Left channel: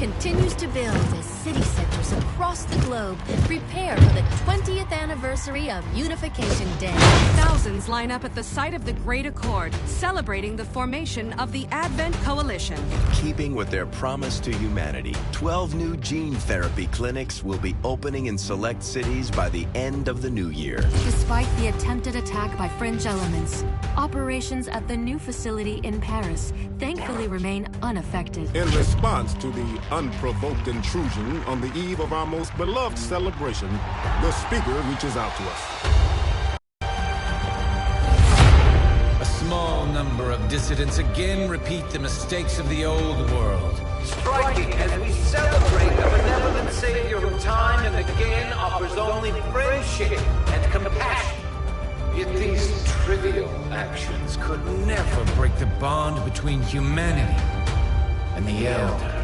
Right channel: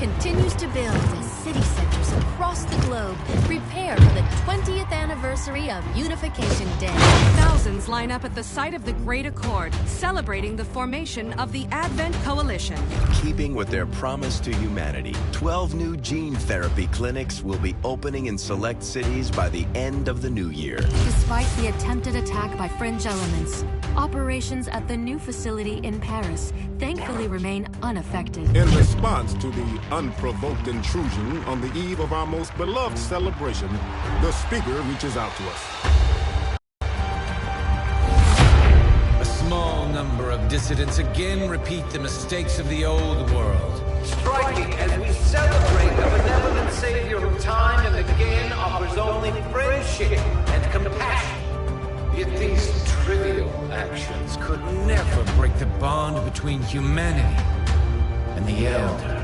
continues to build as city centers across the globe prepare for the 20th anniversary of Unification Day. Thousands line up at the site of the Great Accord, celebrating the formation of the Advent Coalition. Keeping with their promise to humanity, 12 new gene therapy clinics will be opening in select cities by the end of the new year. Despite the attempted attack by fringe elements, operations at the new facility in Paris thankfully remain unaffected. In response to the unprovoked intrusion on the eve of our most beloved celebration, the speaker reaches out to us. A small number of dissidents again repeat the mistakes of the old world. Striking as we celebrate a benevolent savior who time and again offers only friendship and compassion. Yet these trivial actions Could never break the bond between humanity and the elders.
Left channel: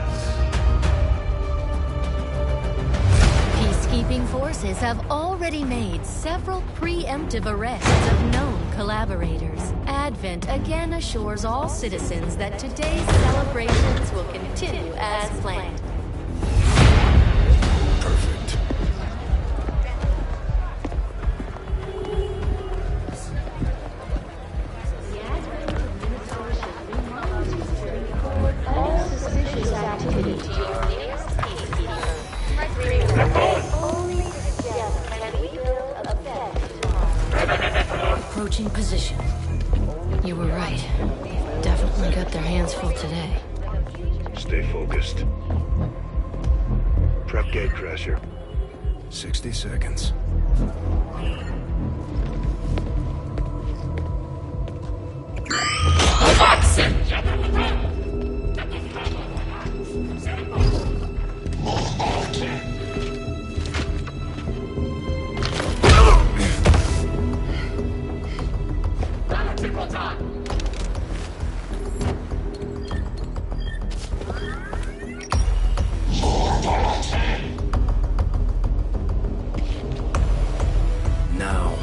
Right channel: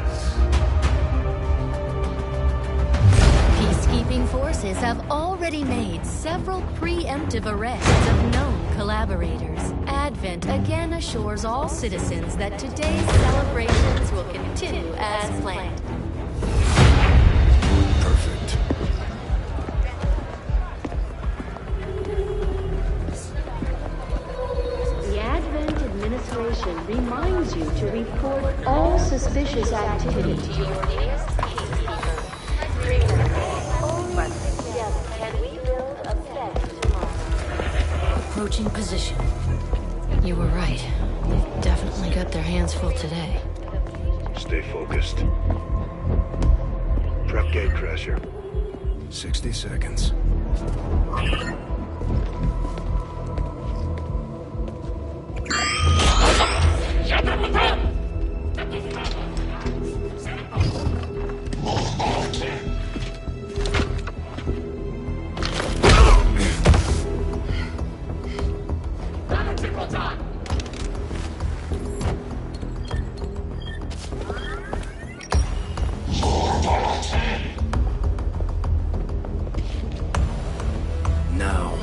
Peacekeeping forces have already made several preemptive arrests of known collaborators. Advent again assures all citizens that today's celebrations will continue as planned. Perfect. The Advent administration reminds you to report all suspicious activity to your nearest peacekeeper. Only together can we build a better tomorrow. Approaching position. You were right. They've definitely got their hands full today. Stay focused. Prep gate crasher. 60 seconds. Now.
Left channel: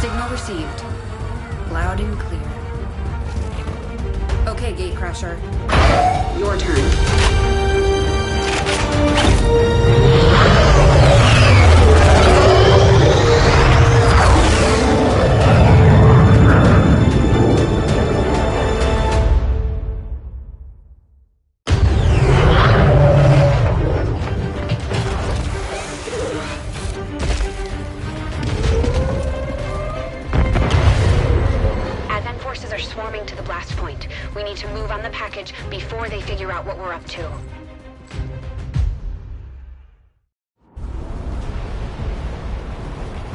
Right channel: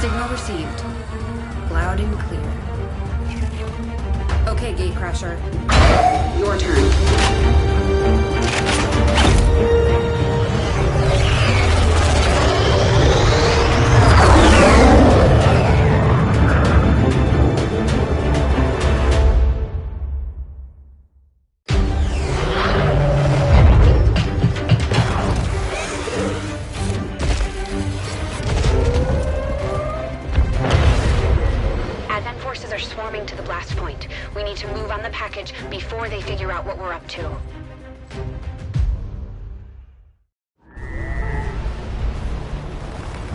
Signal received. Loud and clear. Okay, Gatecrasher. Your turn. Advent forces are swarming to the blast point. We need to move on the package before they figure out what we're up to.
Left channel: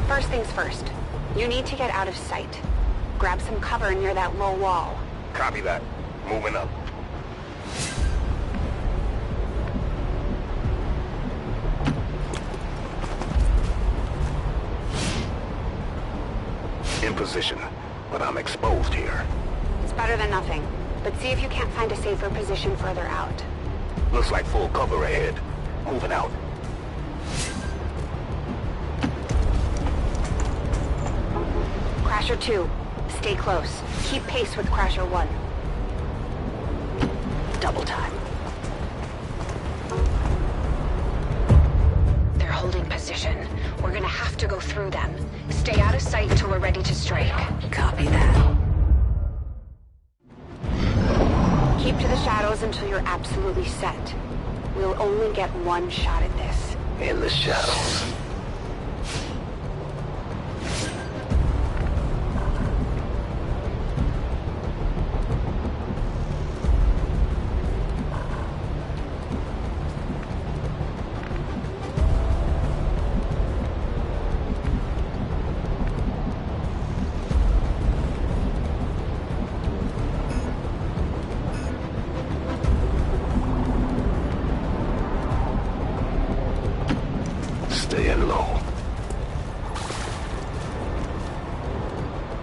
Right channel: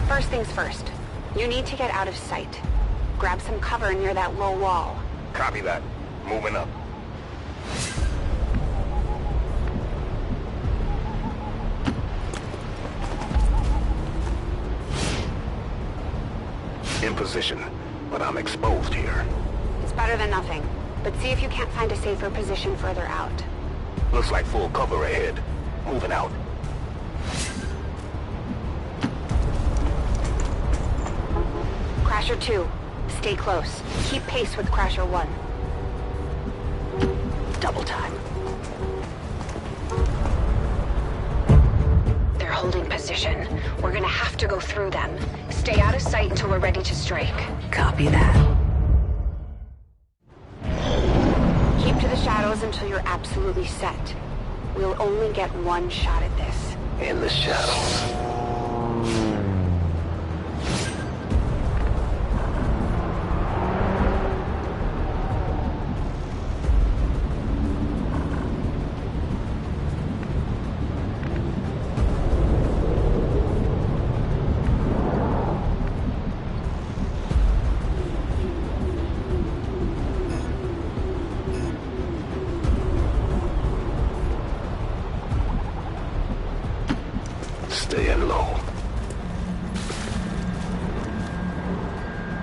First things first. You need to get out of sight. Grab some cover near that low wall. Copy that. Moving up. In position, but I'm exposed here. It's better than nothing, but see if you can't find a safer position further out. Looks like full cover ahead. Moving out. Crasher 2, stay close. Keep pace with Crasher 1. Double time. They're holding position. We're gonna have to go through them. Stay out of sight until we're ready to strike. Copy that. Keep to the shadows until you're absolutely set. We'll only get one shot at this. In the shadows. Staying low.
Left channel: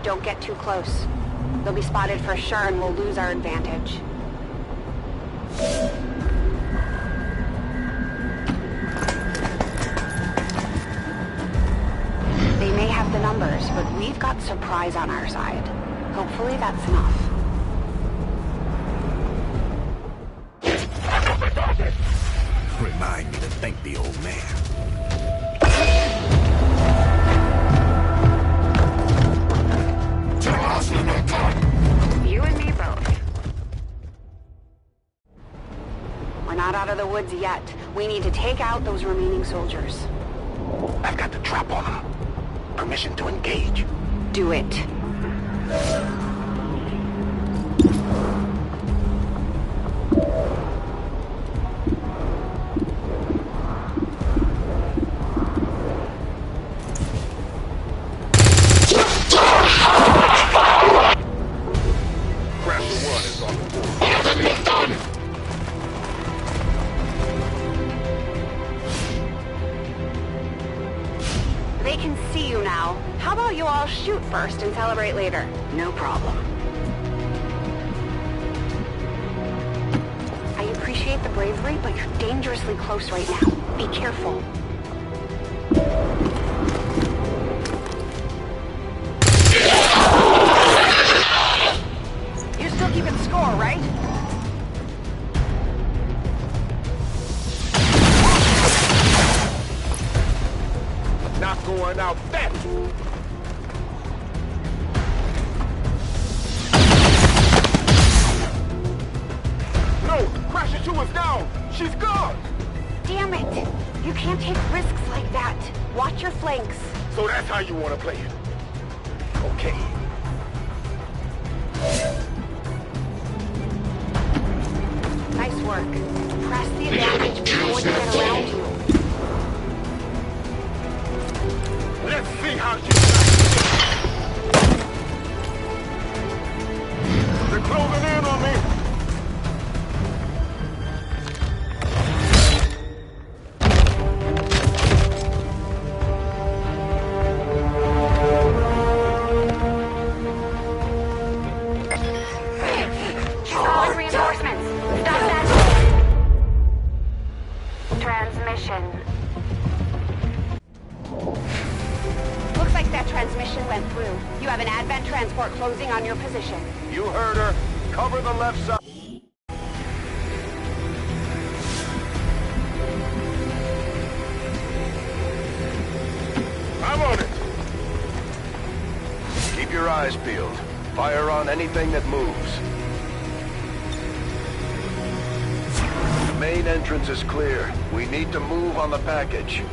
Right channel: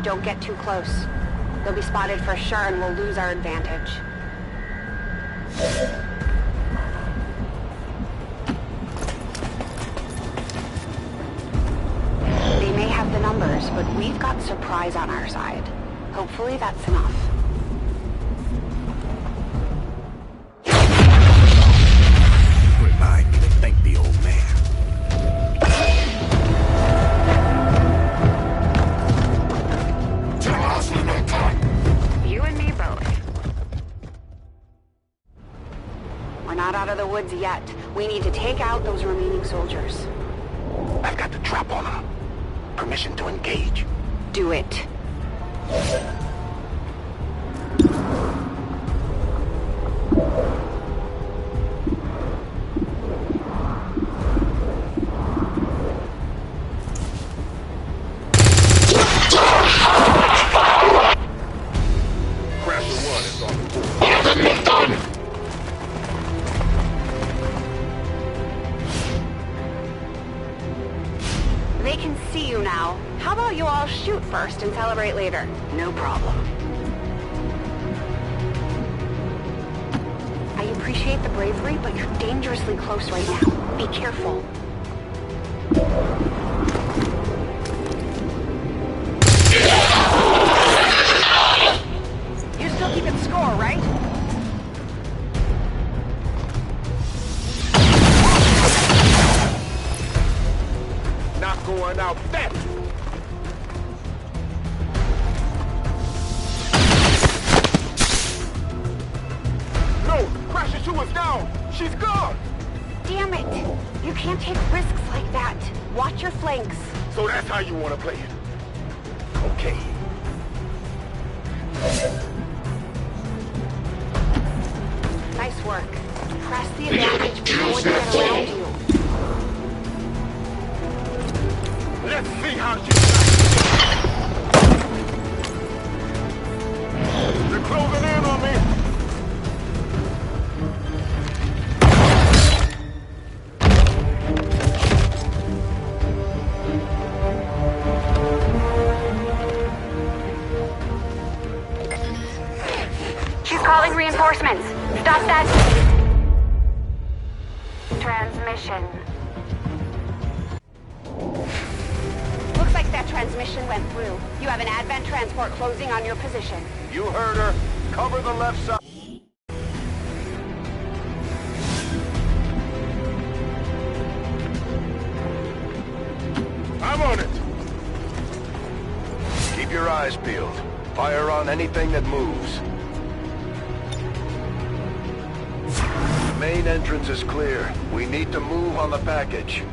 Don't get too close. They'll be spotted for sure and we'll lose our advantage. They may have the numbers, but we've got surprise on our side. Hopefully that's enough. Remind me to thank the old man. You and me both. We're not out of the woods yet. We need to take out those remaining soldiers. I've got the trap on him. Permission to engage. Do it. Crasher 1 is on the board. They can see you now. How about you all shoot first and celebrate later? No problem. I appreciate the bravery, but you're dangerously close right now. Be careful. You're still keeping score, right? Not going out that. No, Crasher 2 is down. She's gone. Damn it! You can't take risks like that. Watch your flanks. So that's how you want to play it. Okay. Nice work. Press the advantage before we get around you. Let's see how you like it. They're closing in on me. She's calling reinforcements. Stop that. Transmission. Looks like that transmission went through. You have an advent transport closing on your position. You heard her. Cover the left side. I'm on it. Keep your eyes peeled. Fire on anything that moves. The main entrance is clear. We need to move on the package.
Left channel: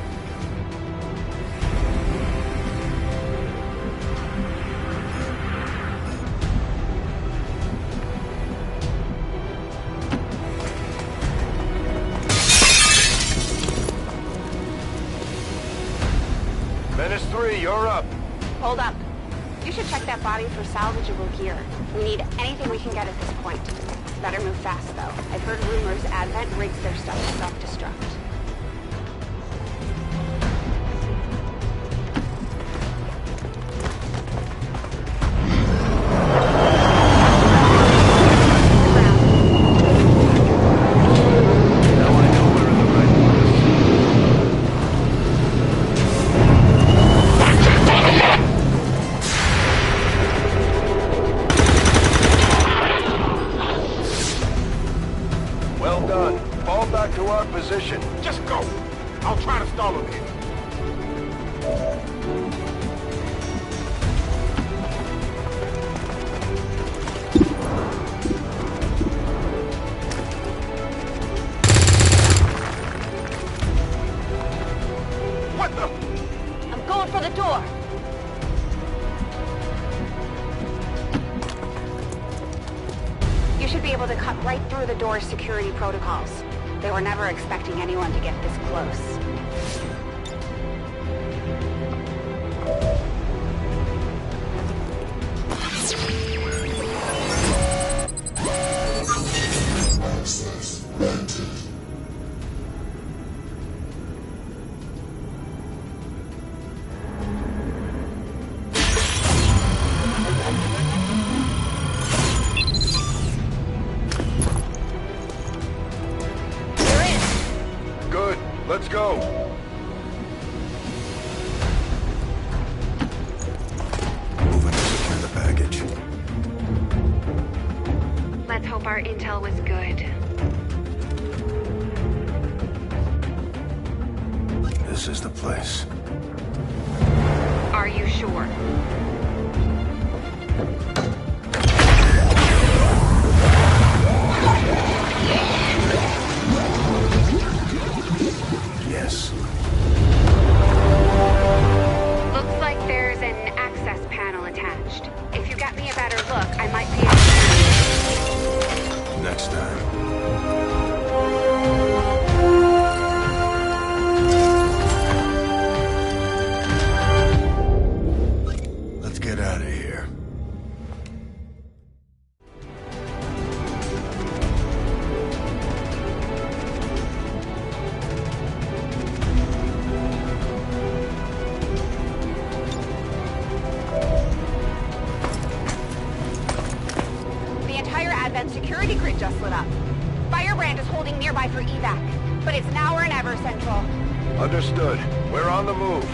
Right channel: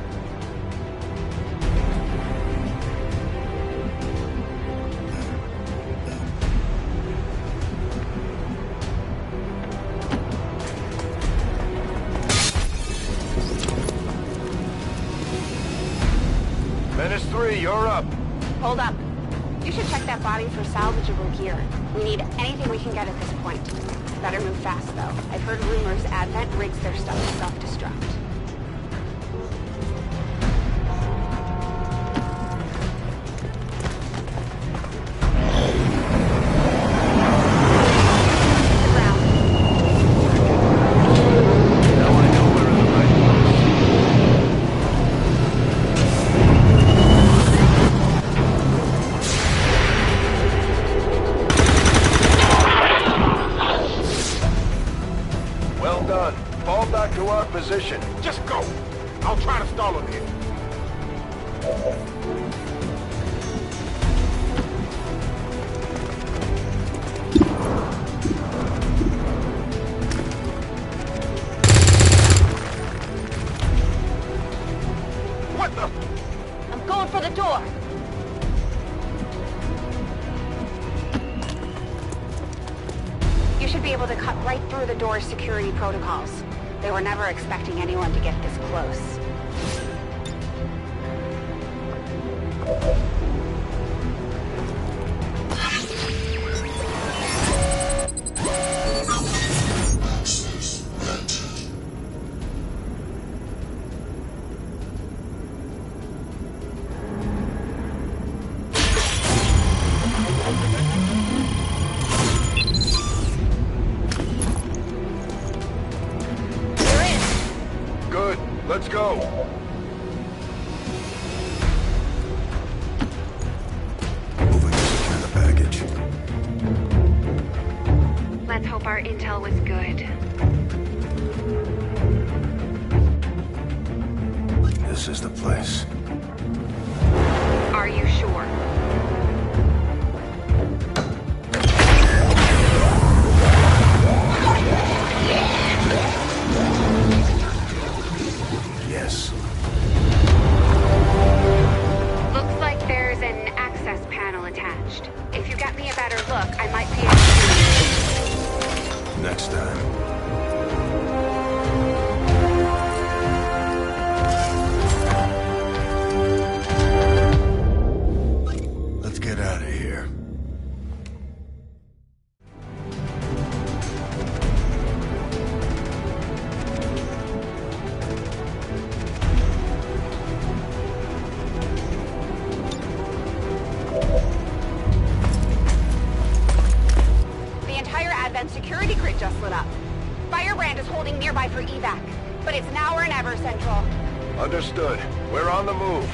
Menace 3, you're up. Hold up. You should check that body for salvageable gear. We need anything we can get at this point. Better move fast, though. I've heard rumors Advent rigs their stuff to self-destruct. Well done. Fall back to our position. Just go. I'll try to stall him here. What the? I'm going for the door. You should be able to cut right through the door's security protocols. They were never expecting anyone to get this close. Good. Let's go. Moving to secure the package. Let's hope our intel was good. This is the place. Are you sure? Yes. Looks like there's an access panel attached. If you get me a better look, I might be able to... Next time. Let's get out of here. The entire Advent security grid just lit up. Firebrand is holding nearby for evac, but it's now or never, Central. Understood. We're on the move.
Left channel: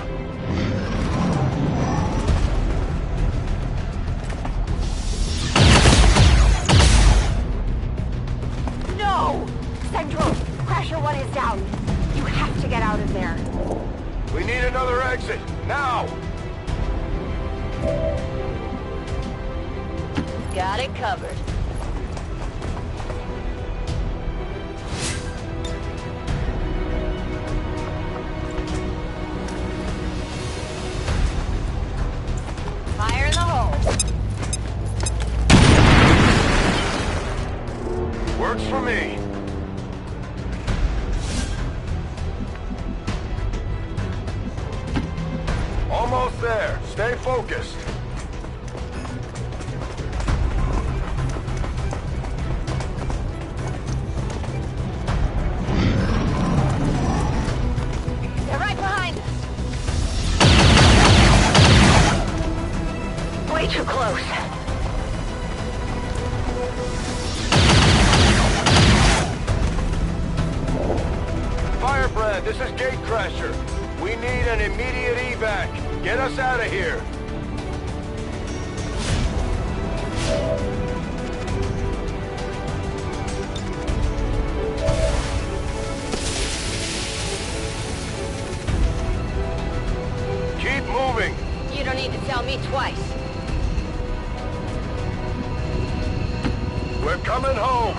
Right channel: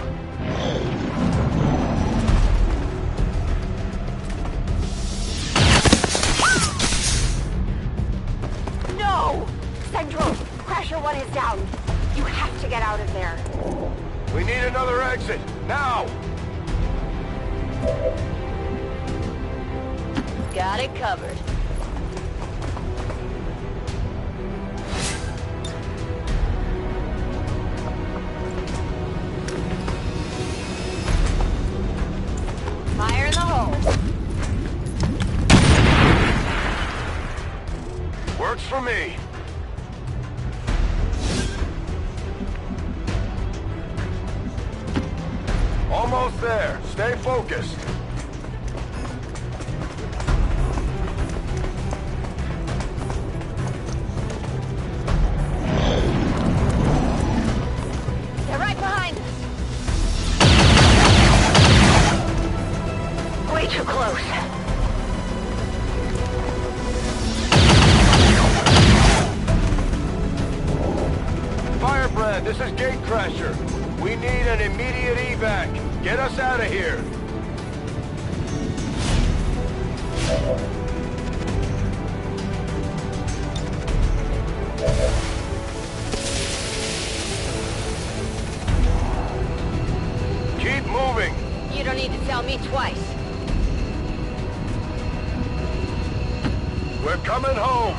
No! Central, Crasher 1 is down. You have to get out of there. We need another exit, now! Got it covered. Fire in the hole. Works for me. Almost there. Stay focused. They're right behind us. Way too close. Firebrand, this is Gatecrasher. We need an immediate evac. Get us out of here. Keep moving. You don't need to tell me twice. We're coming home.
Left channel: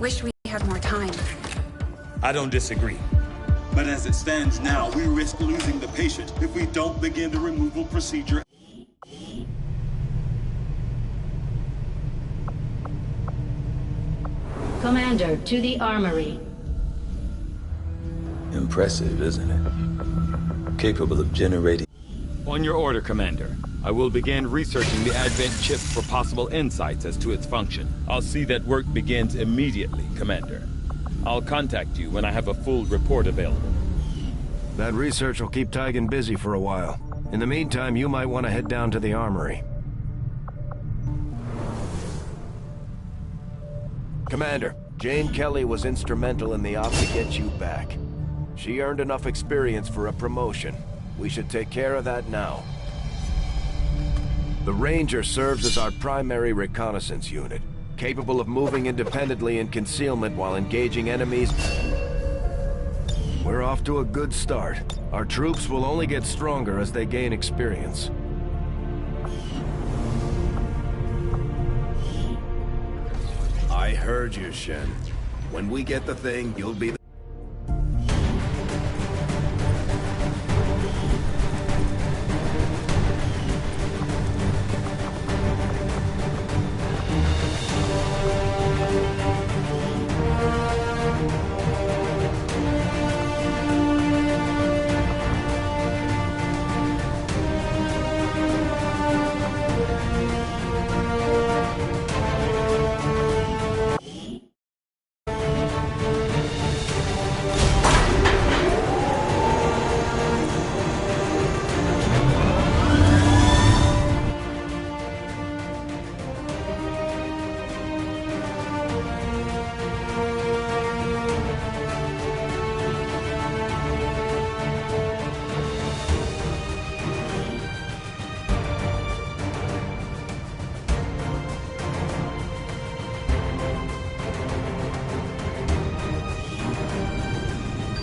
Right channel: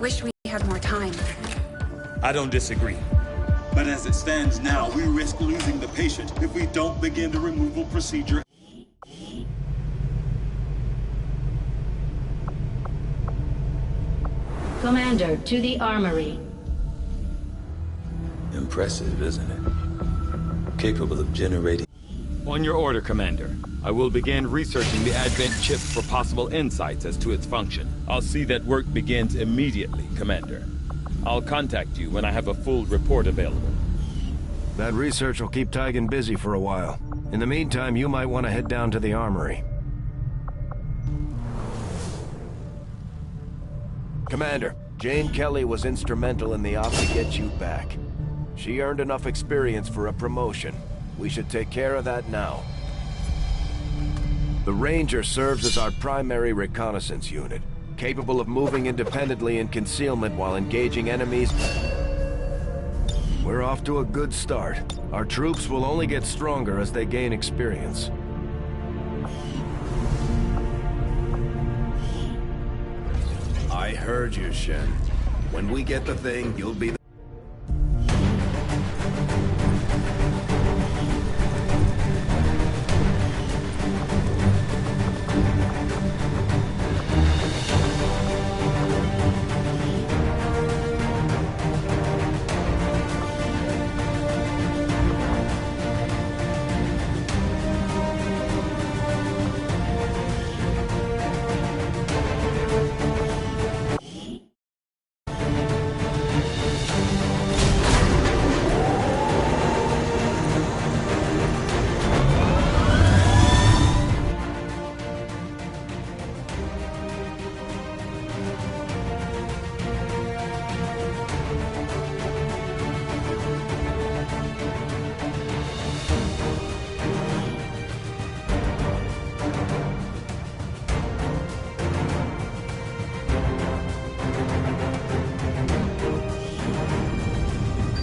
Wish we had more time. I don't disagree. But as it stands now, we risk losing the patient if we don't begin the removal procedure. Commander, to the armory. Impressive, isn't it? Capable of generating... On your order, Commander. I will begin researching the Advent chip for possible insights as to its function. I'll see that work begins immediately, Commander. I'll contact you when I have a full report available. That research will keep Tygan busy for a while. In the meantime, you might want to head down to the armory. Commander, Jane Kelly was instrumental in the op to get you back. She earned enough experience for a promotion. We should take care of that now. The Ranger serves as our primary reconnaissance unit, capable of moving independently in concealment while engaging enemies. We're off to a good start. Our troops will only get stronger as they gain experience. I heard you, Shen. When we get the thing, you'll be the...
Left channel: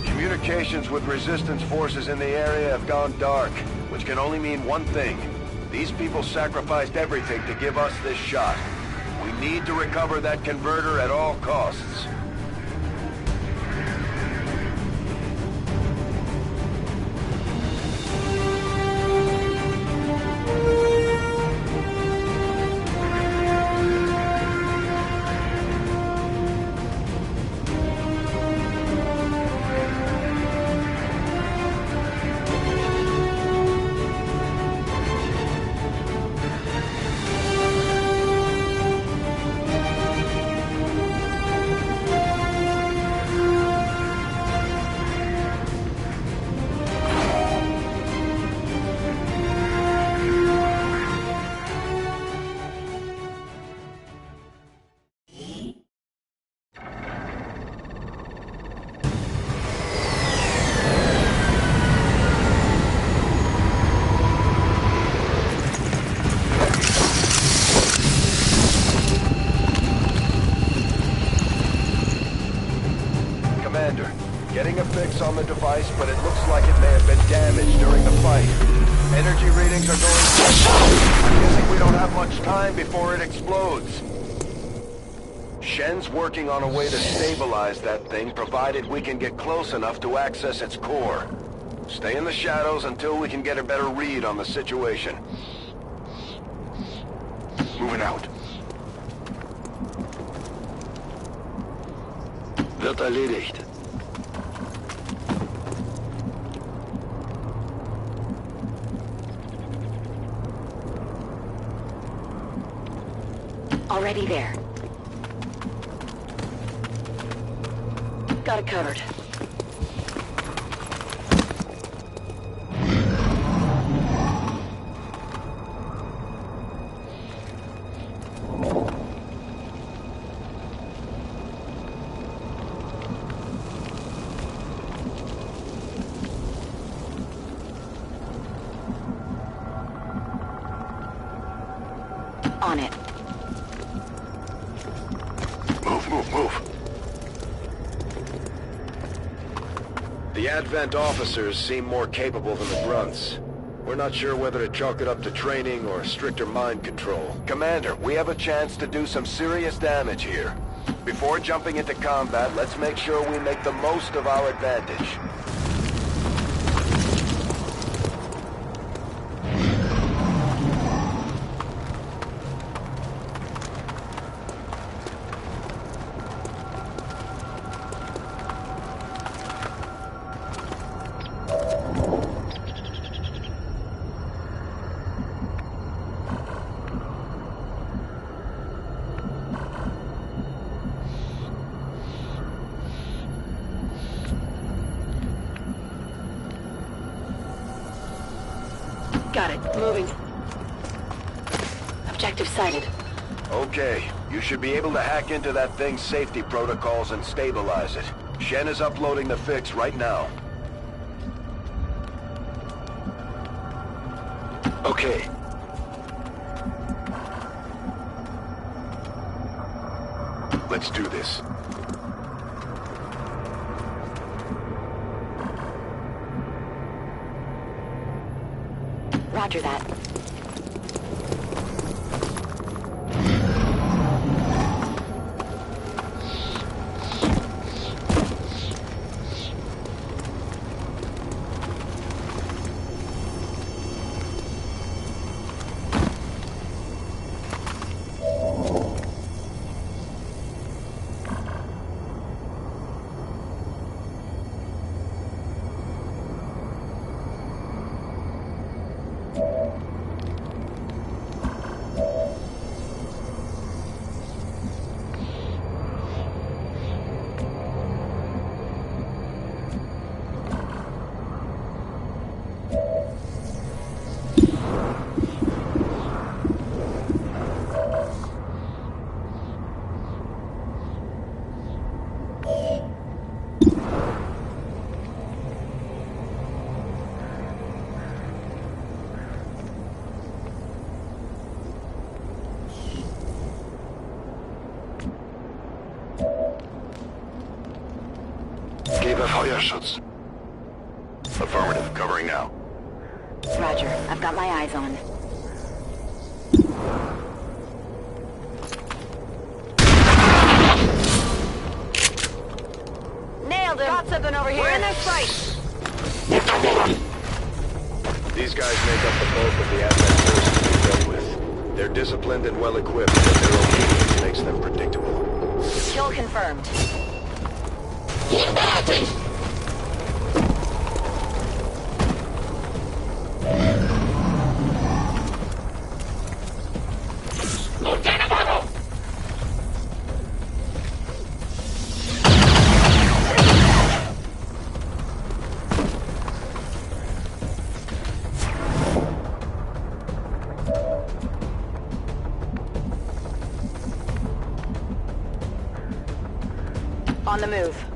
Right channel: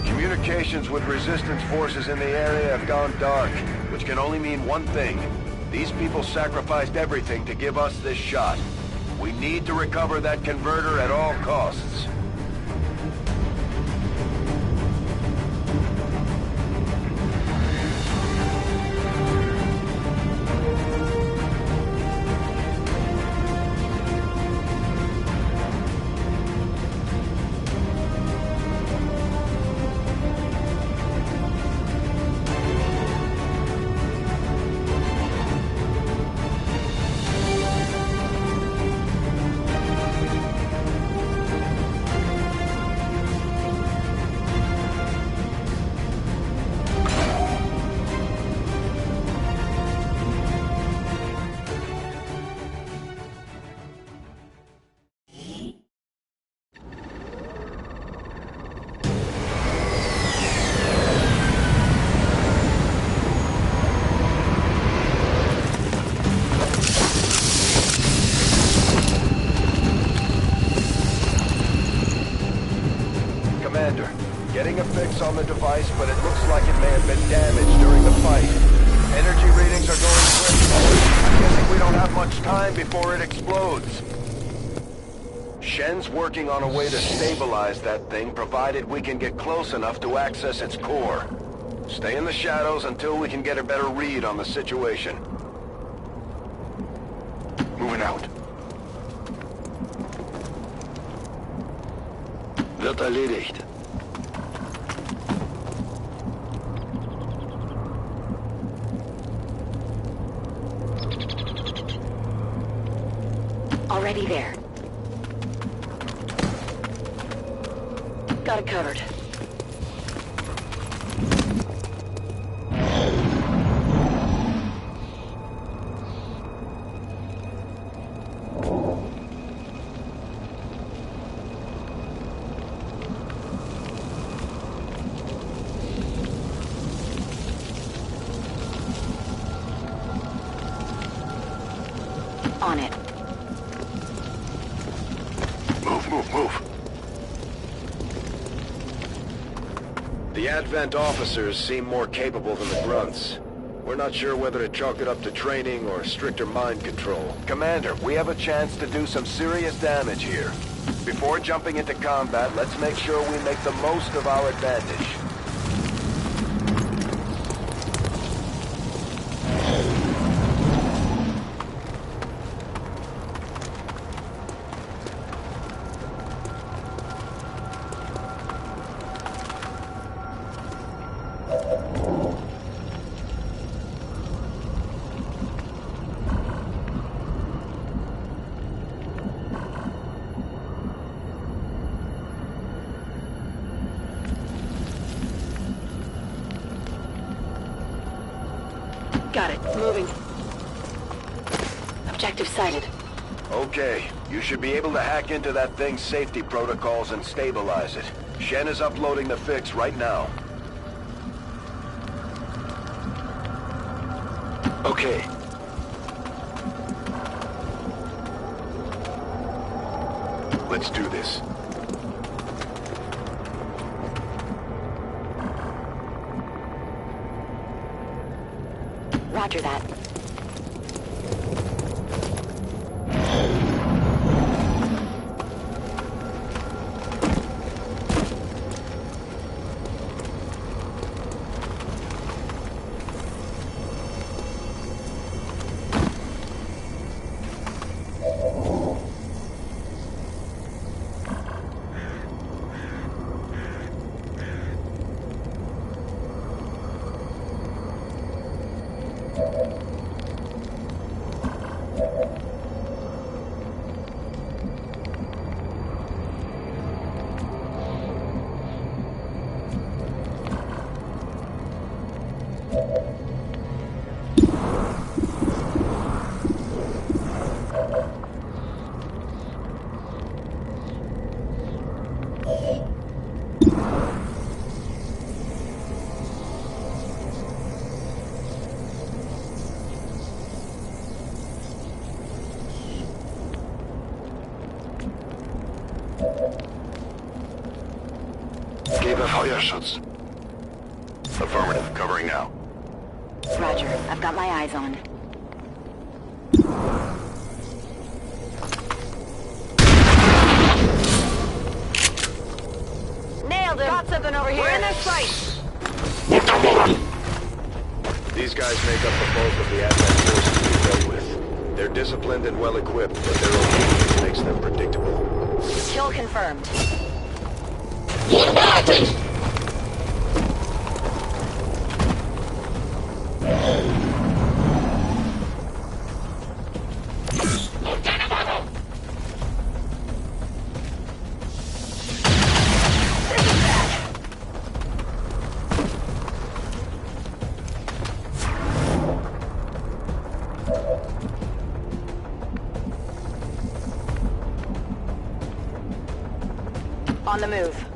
Communications with resistance forces in the area have gone dark, which can only mean one thing. These people sacrificed everything to give us this shot. We need to recover that converter at all costs. Getting a fix on the device, but it looks like it may have been damaged during the fight. Energy readings are going slow. I'm guessing we don't have much time before it explodes. Shen's working on a way to stabilize that thing, provided we can get close enough to access its core. Stay in the shadows until we can get a better read on the situation. Moving out. Wird erledigt. Already there. Got it covered. On it. Move. The Advent officers seem more capable than the grunts. We're not sure whether to chalk it up to training or stricter mind control. Commander, we have a chance to do some serious damage here. Before jumping into combat, let's make sure we make the most of our advantage. Got it. Moving. Objective sighted. Okay, you should be able to hack into that thing's safety protocols and stabilize it. Shen is uploading the fix right now. Okay. Let's do this. Roger that. Gebe Feuerschutz. Affirmative. Covering now. Roger. I've got my eyes on. Nailed him. Got something over here. We're in their sight. These guys make up the bulk of the Advent forces we dealt with. They're disciplined and well-equipped, but their obedience makes them predictable. Kill confirmed. On the move.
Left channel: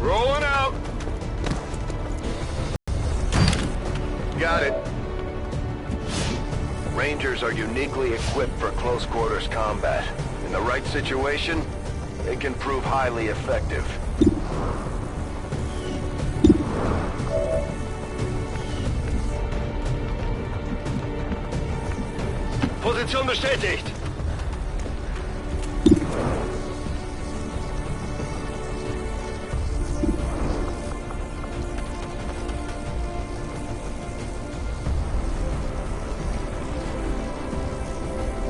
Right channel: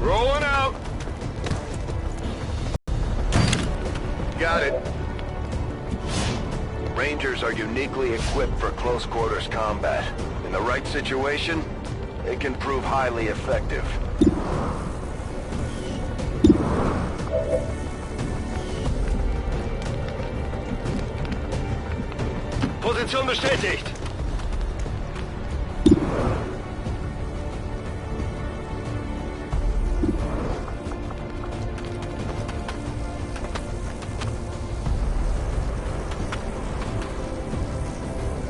Rolling out. Got it. Rangers are uniquely equipped for close quarters combat. In the right situation, they can prove highly effective. Position bestätigt.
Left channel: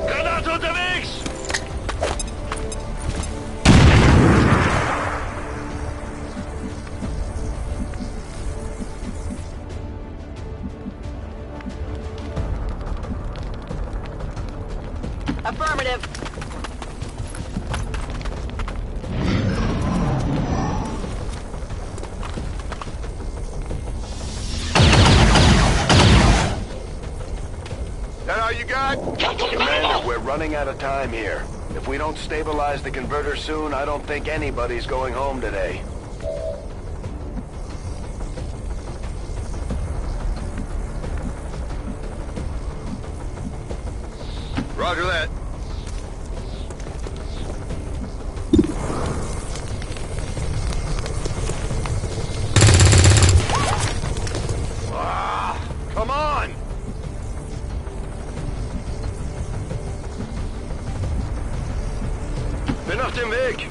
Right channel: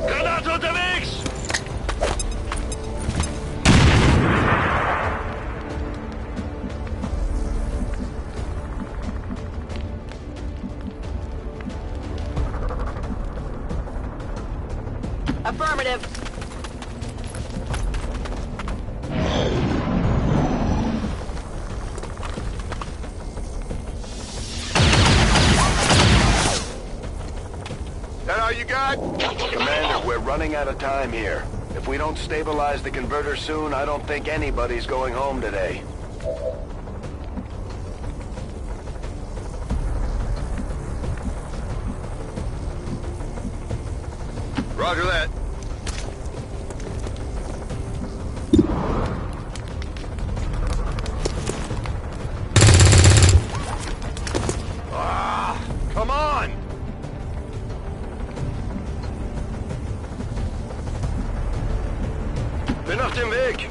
Granate unterwegs! Affirmative. That all you got? Commander, we're running out of time here. If we don't stabilize the converter soon, I don't think anybody's going home today. Roger that. Come on! Bin auf dem Weg!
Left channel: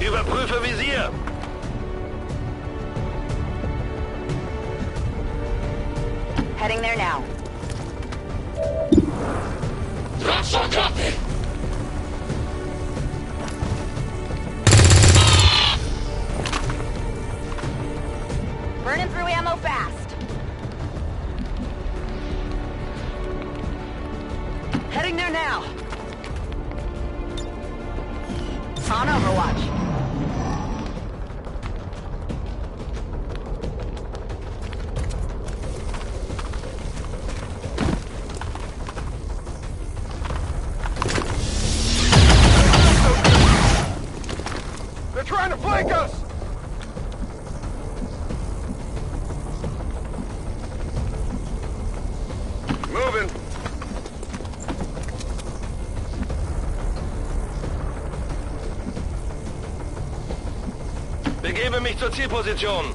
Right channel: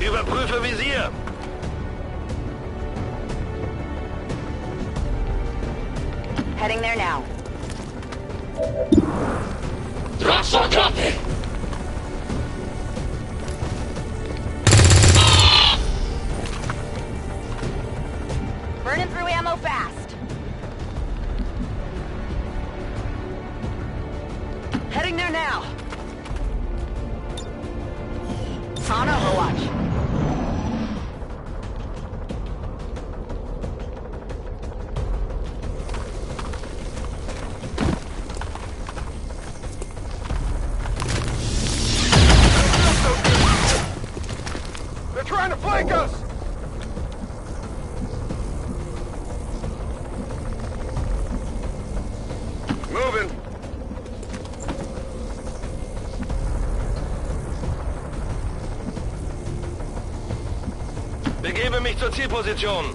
Überprüfe Visier! Heading there now. Burning through ammo fast. Heading there now. On Overwatch. They're trying to flank us! Moving. Begebe mich zur Zielposition.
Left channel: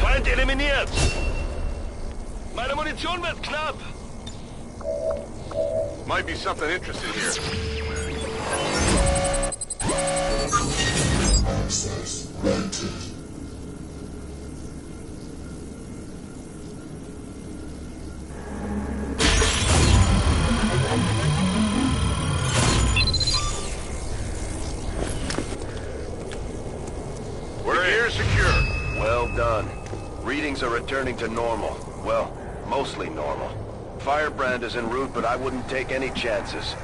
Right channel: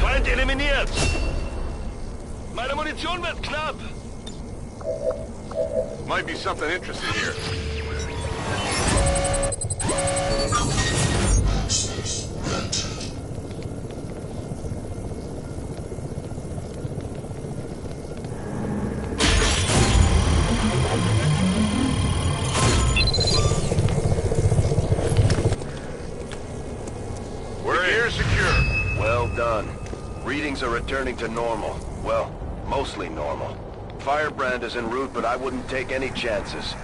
Feind eliminiert. Meine Munition wird knapp. Might be something interesting here. Access granted. We're here secure. Well done. Readings are returning to normal. Well, mostly normal. Firebrand is en route, but I wouldn't take any chances.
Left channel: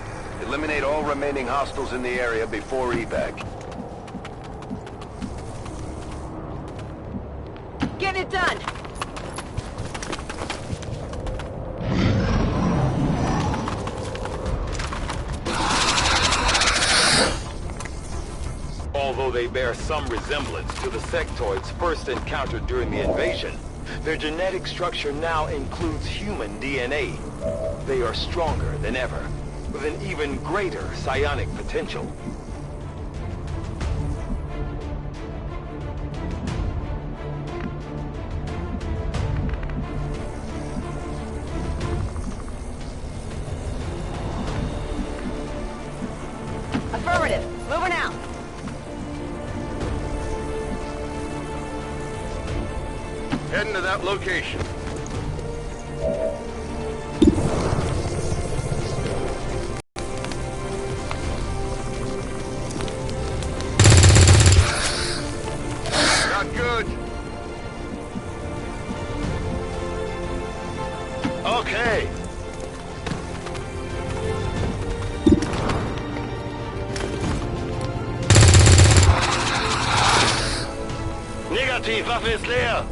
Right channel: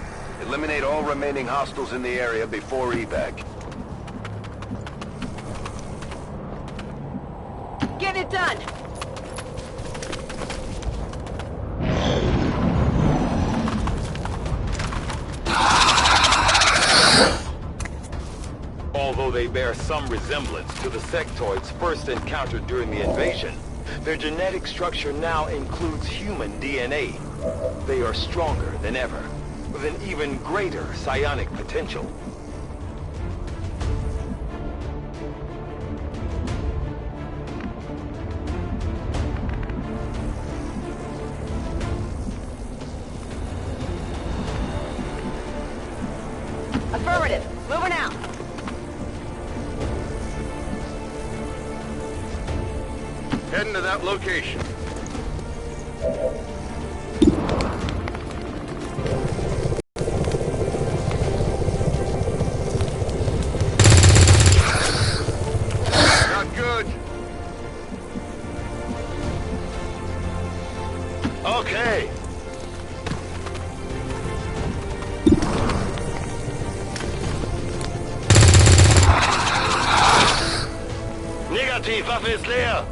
Eliminate all remaining hostiles in the area before evac. Get it done! Although they bear some resemblance to the sectoids first encountered during the invasion, their genetic structure now includes human DNA. They are stronger than ever, with an even greater psionic potential. Affirmative. Moving out. Heading to that location. Not good. Okay. Negativ, Waffe ist leer.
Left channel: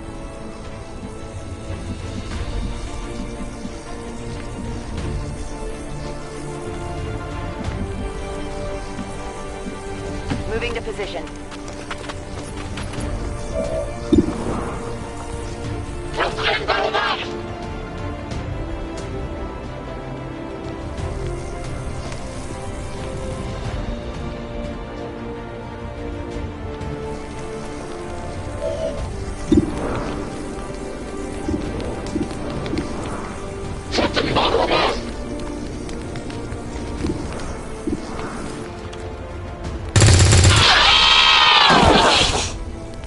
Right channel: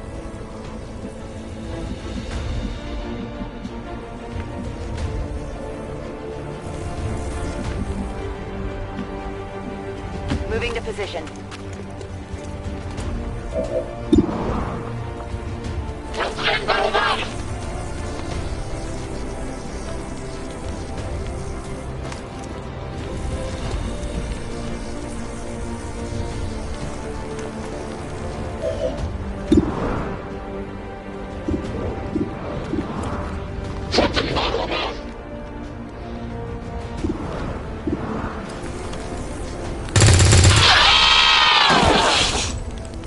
Moving to position.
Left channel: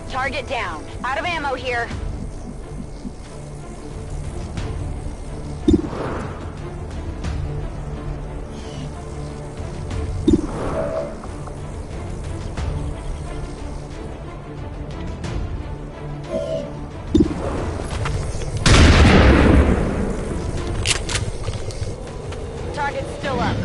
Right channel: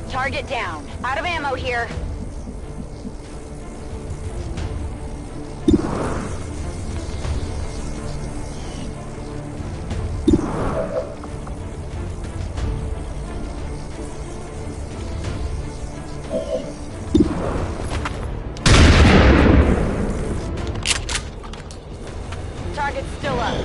Target down. Out of ammo here. Target's still up.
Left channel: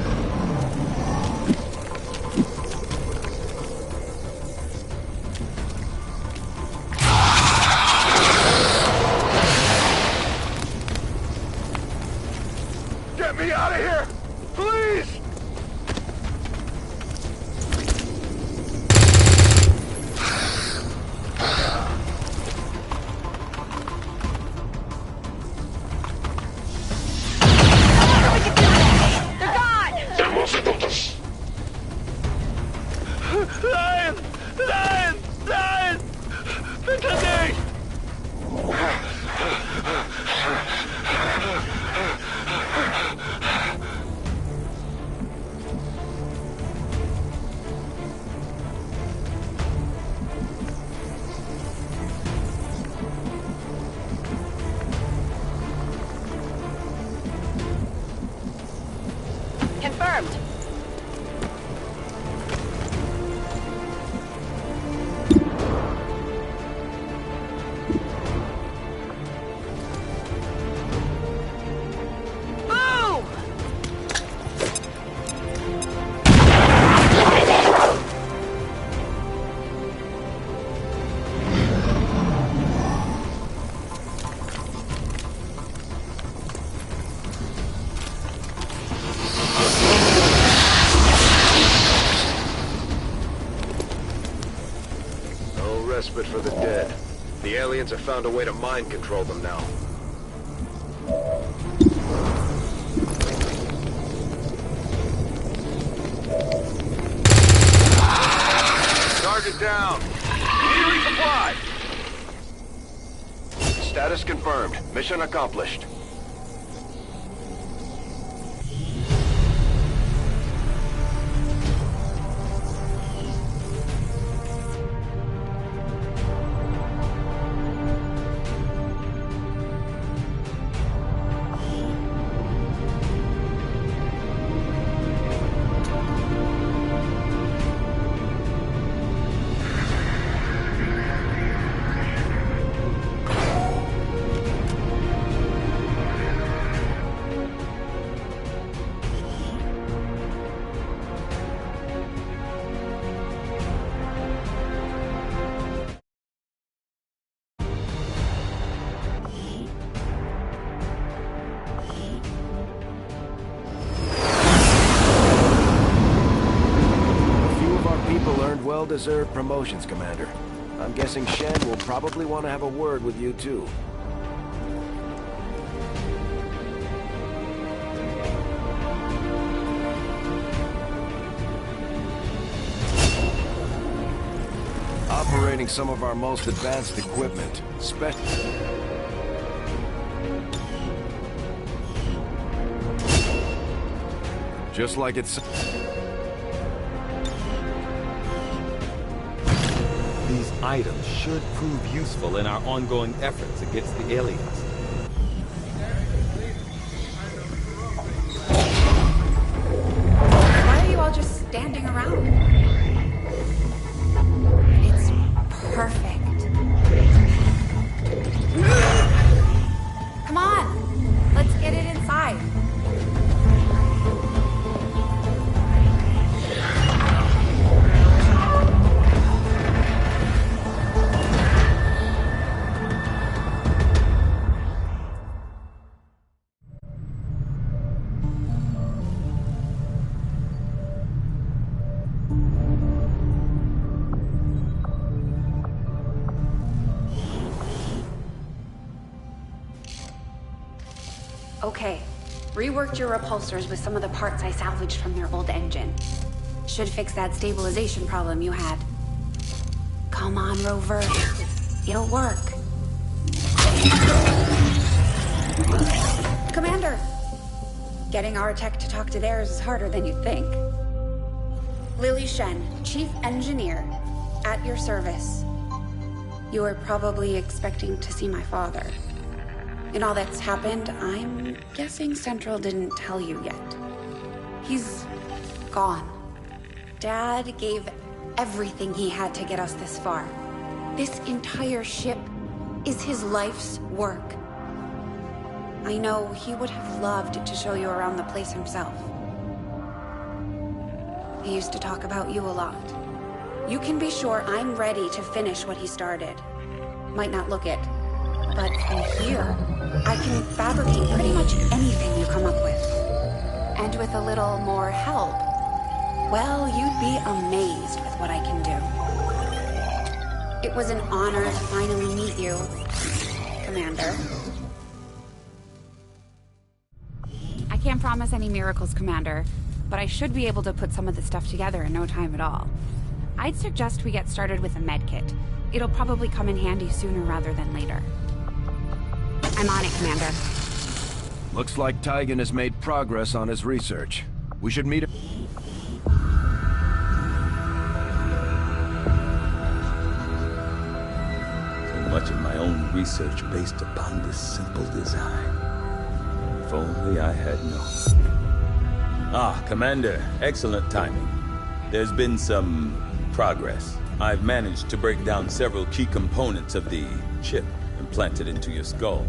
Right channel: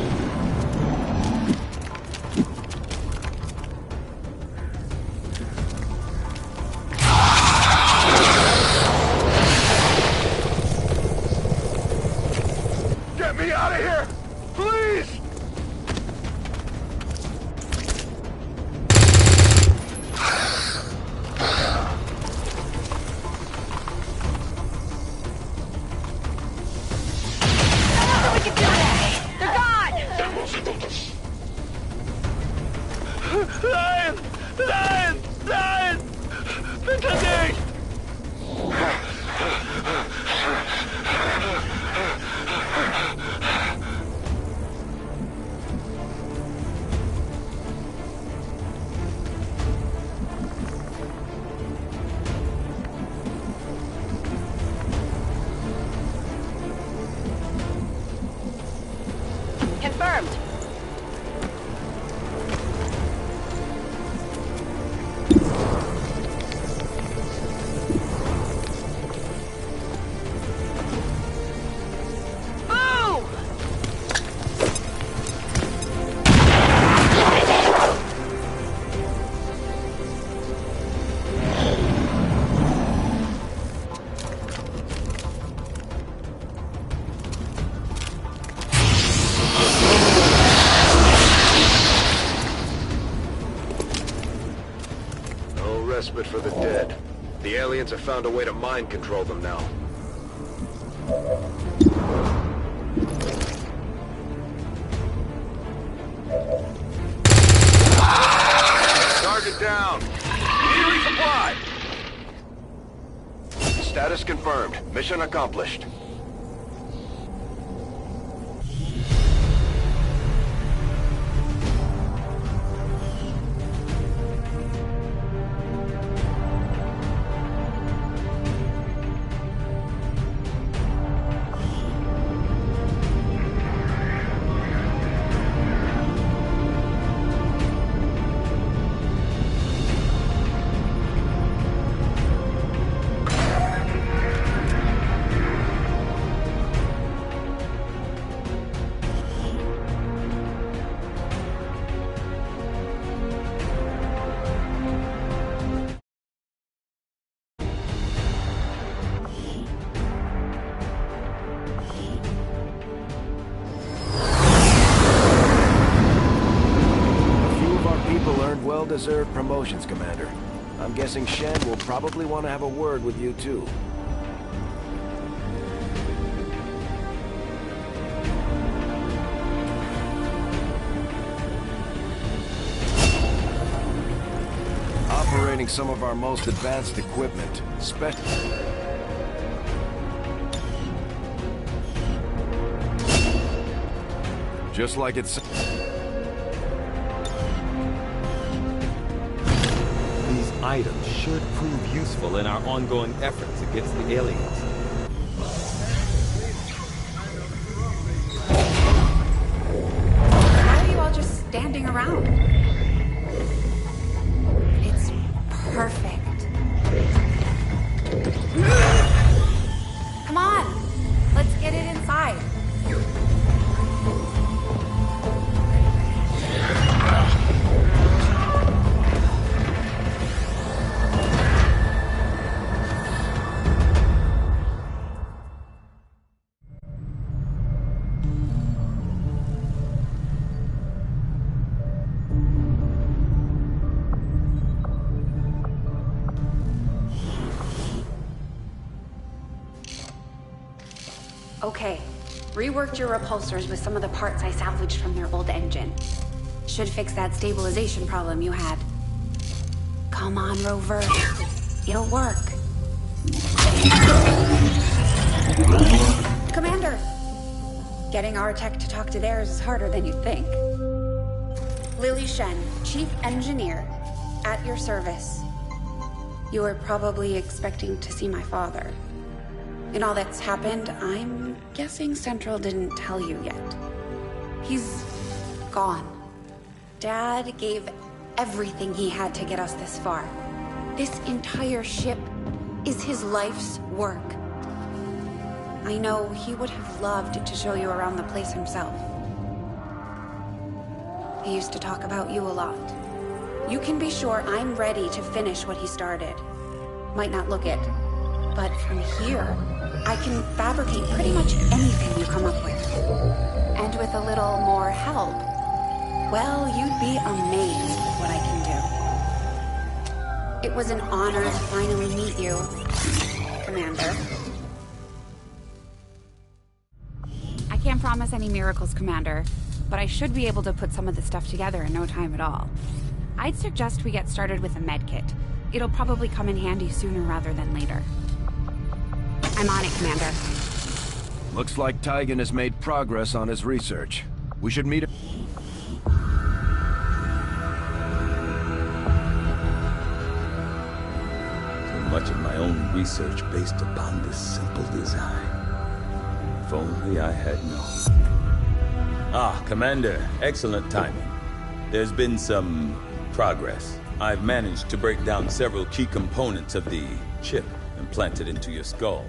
Get me out of here! Please! They're gone! Nein! Nein! Nein! Bitte nicht! Confirmed. Respite for the dead. The aliens have found a way to mind control them now. Target down. Need a resupply. Status confirmed. Mission accomplished. Well-deserved promotions, Commander. I'm guessing Shen will probably want to have a word with you, too. Operating some of our most advanced equipment, just like it's... These items should prove useful in our ongoing efforts against the aliens. Why are you all just standing around? It's perfect. Come on, let's get it inside. Okay, reworked your repulsors with some of the parts I salvaged from their old engine. Should fix that stabilization problem you had. Come on, Rover. It'll work. Commander! Getting our tech to talk to theirs is harder than you'd think. Lily Shen, Chief Engineer, at your service. You were probably expecting to see my father. In all that's happened, I'm guessing Central didn't tell you yet. He's gone. Dad gave everything he had to get us this far. This entire ship is his life's work. I know he would have loved to show you around the place himself. He used to talk about you a lot. You can be sure I'm ready to finish what he started. Might not look it, but from here, I can fabricate pretty much anything you come up with. And with a little more help, well, you'd be amazed with what I can do. It was an honor to finally meet you, Commander. I can't promise any miracles, Commander, but I should be able to put some of this stuff together in no time at all. I'd suggest we get started with a medkit. It'll probably come in handy sooner rather than later. I'm on it, Commander. Looks like Tygan has made progress on his research. We should meet him. So much of my own research based upon this simple design. If only I had known. Ah, Commander, excellent timing. There's been some progress. I've managed to break down several key components of the chip implanted into your skull.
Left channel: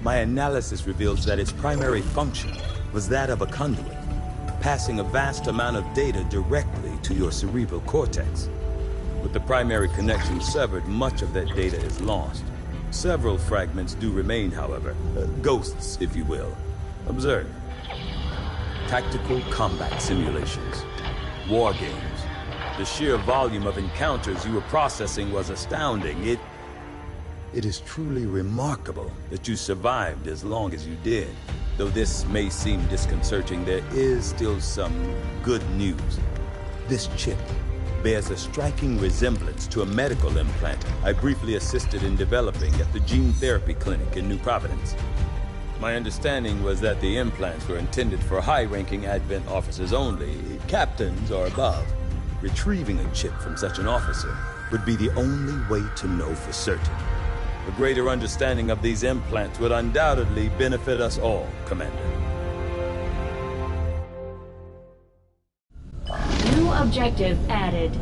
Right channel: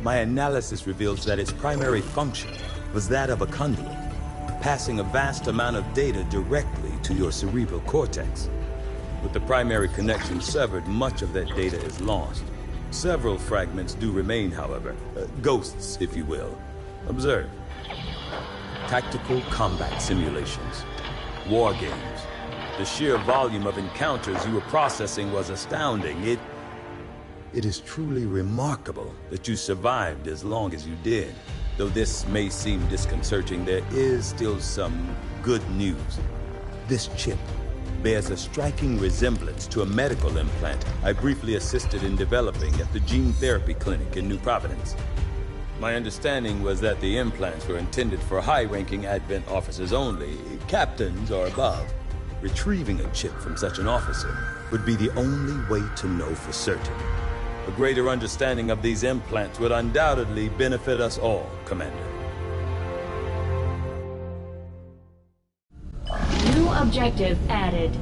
My analysis reveals that its primary function was that of a conduit, passing a vast amount of data directly to your cerebral cortex. With the primary connection severed, much of that data is lost. Several fragments do remain, however. Ghosts, if you will. Observe. Tactical combat simulations. War games. The sheer volume of encounters you were processing was astounding. It is truly remarkable that you survived as long as you did. Though this may seem disconcerting, there is still some good news. This chip bears a striking resemblance to a medical implant I briefly assisted in developing at the gene therapy clinic in New Providence. My understanding was that the implants were intended for high-ranking Advent officers only, captains or above. Retrieving a chip from such an officer would be the only way to know for certain. A greater understanding of these implants would undoubtedly benefit us all, Commander. New objective added.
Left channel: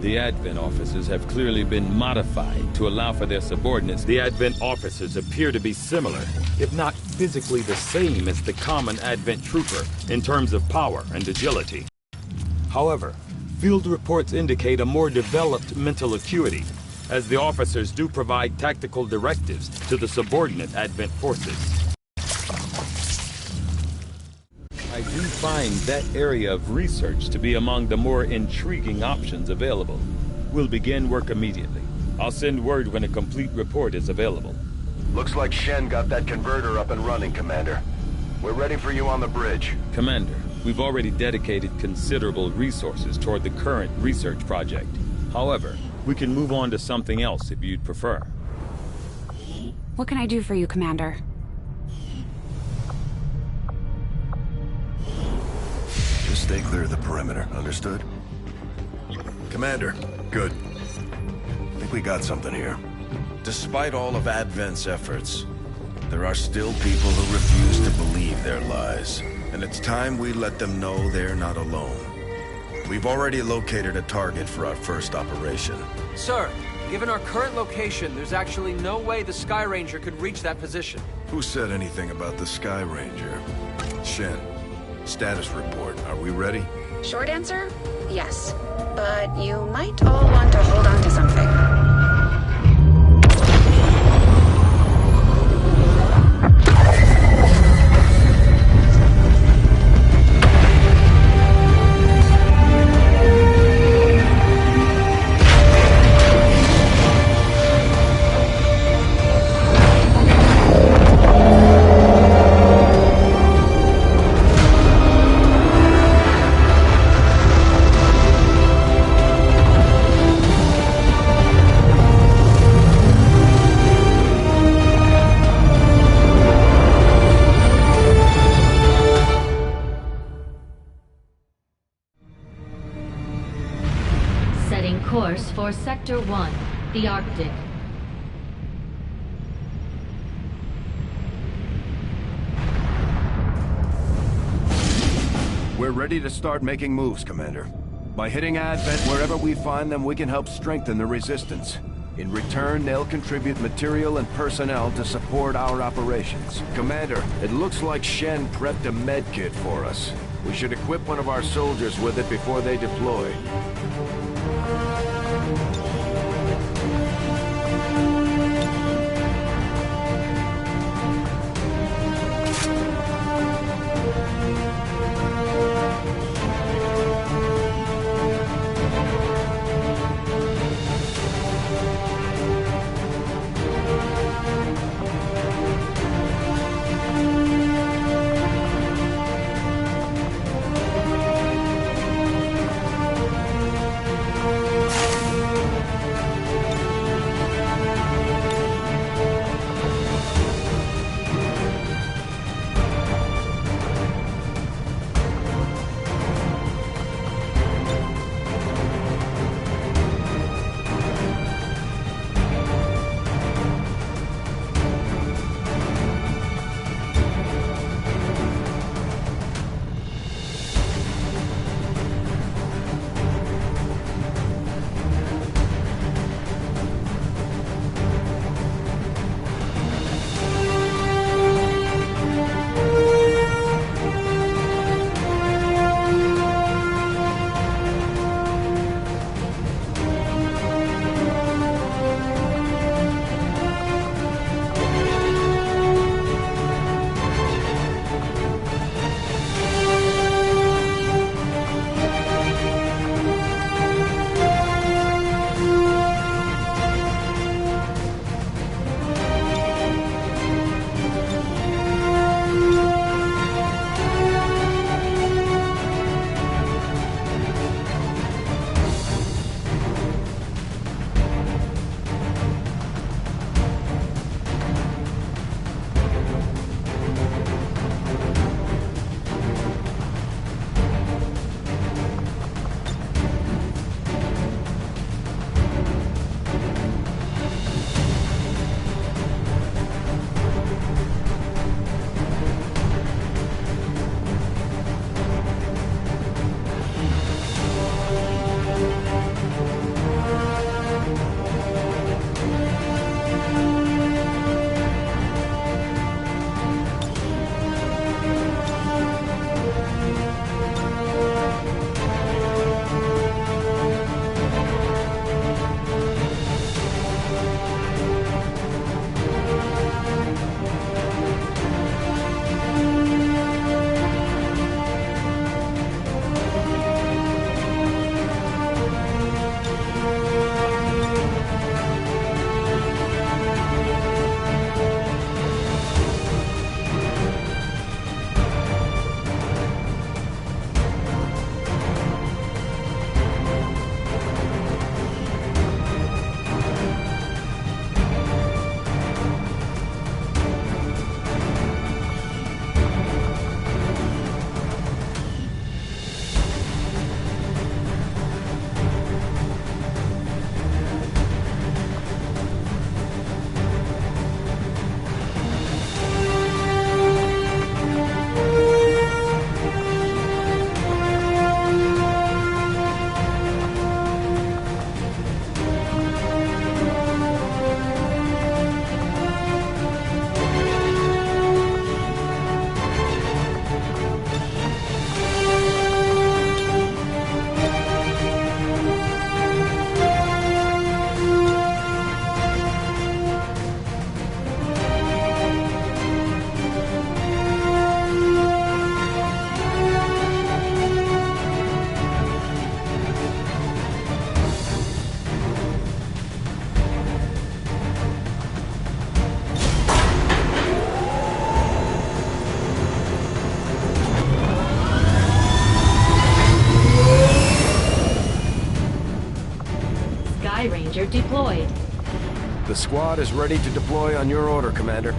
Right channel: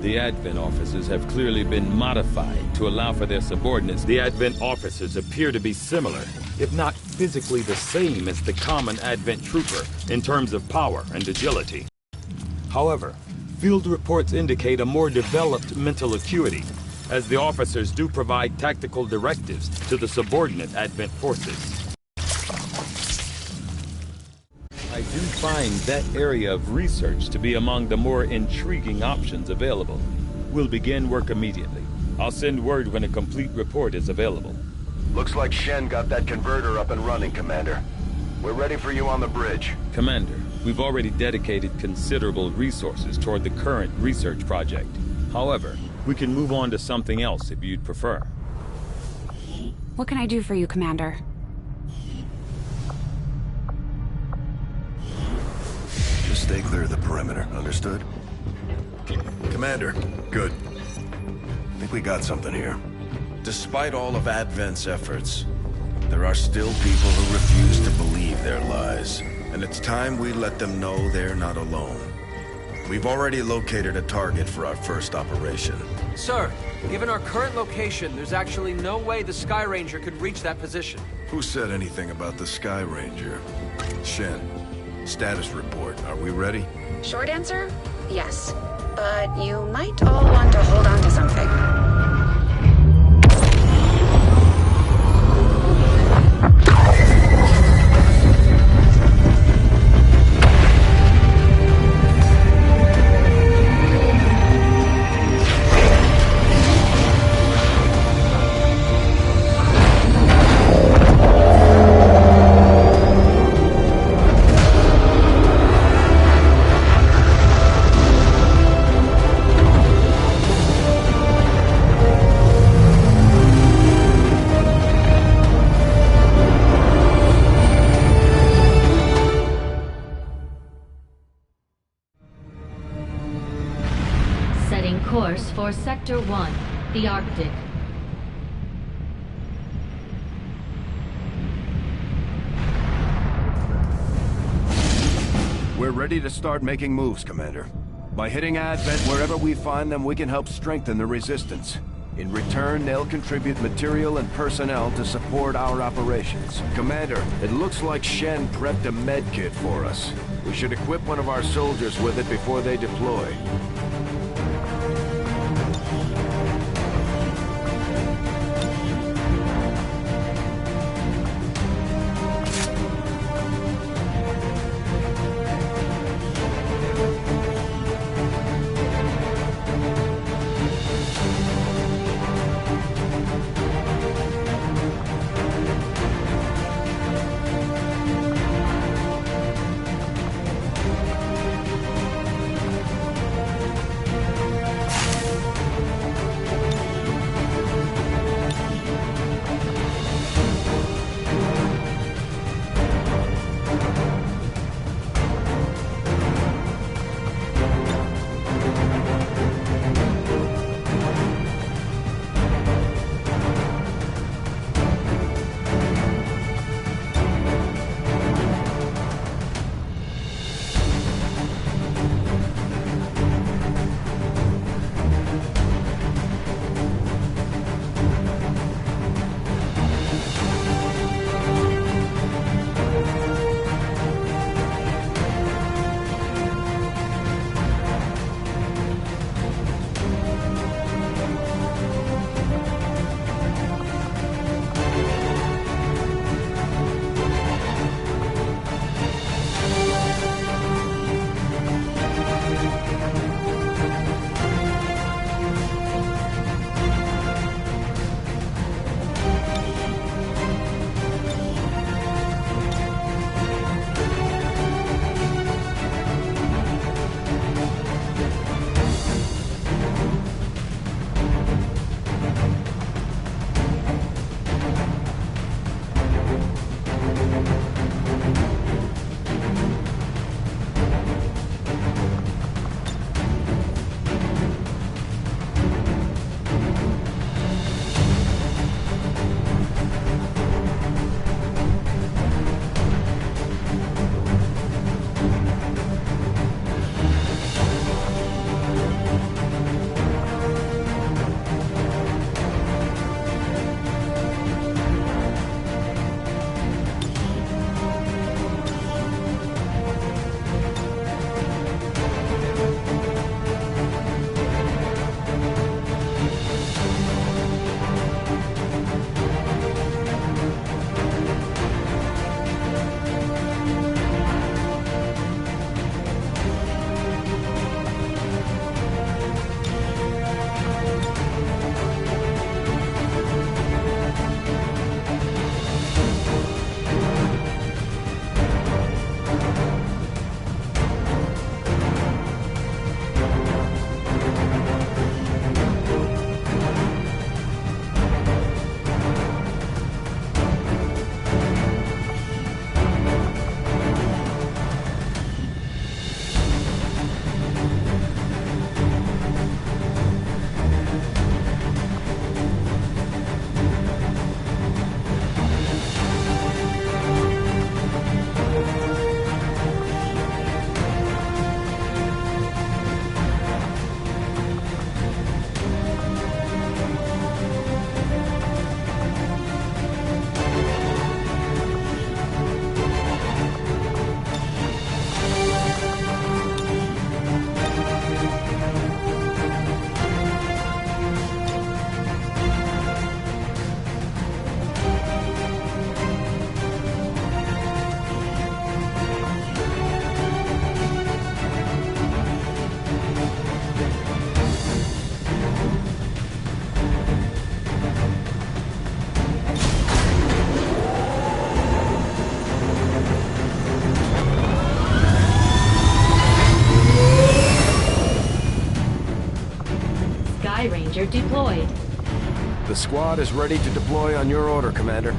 The Advent officers have clearly been modified to allow for their subordinates. The Advent officers appear to be similar, if not physically the same as the common Advent trooper in terms of power and agility. However, field reports indicate a more developed mental acuity, as the officers do provide tactical directives to the subordinate Advent forces. I do find that area of research to be among the more intriguing options available. We'll begin work immediately. I'll send word when a complete report is available. Looks like Shen got that converter up and running, Commander. We're ready for you on the bridge. Commander, we've already dedicated considerable resources toward the current research project. However, we can move on to something else if you'd prefer. What can I do for you, Commander? Just stay clear of the perimeter, understood? Commander, good. I think we got something here. Despite all of Advent's efforts, there are still people who refuse to believe their lies. And it's time we let them know they're not alone. We've already located a target for our first operation. Sir, given our current location, there's actually no way the Sky Ranger could reach that position. Who said anything about the Sky Ranger? Shen, status report. Are we ready? Short answer, yes. But you might all want to hold on to something. Course for Sector 1, the Arctic. We're ready to start making moves, Commander. By hitting Advent wherever we find them, we can help strengthen the resistance. In return, they'll contribute material and personnel to support our operations. Commander, it looks like Shen prepped a med kit for us. We should equip one of our soldiers with it before they deploy. Messenger deployed. The squad is ready to deploy on your order, Commander.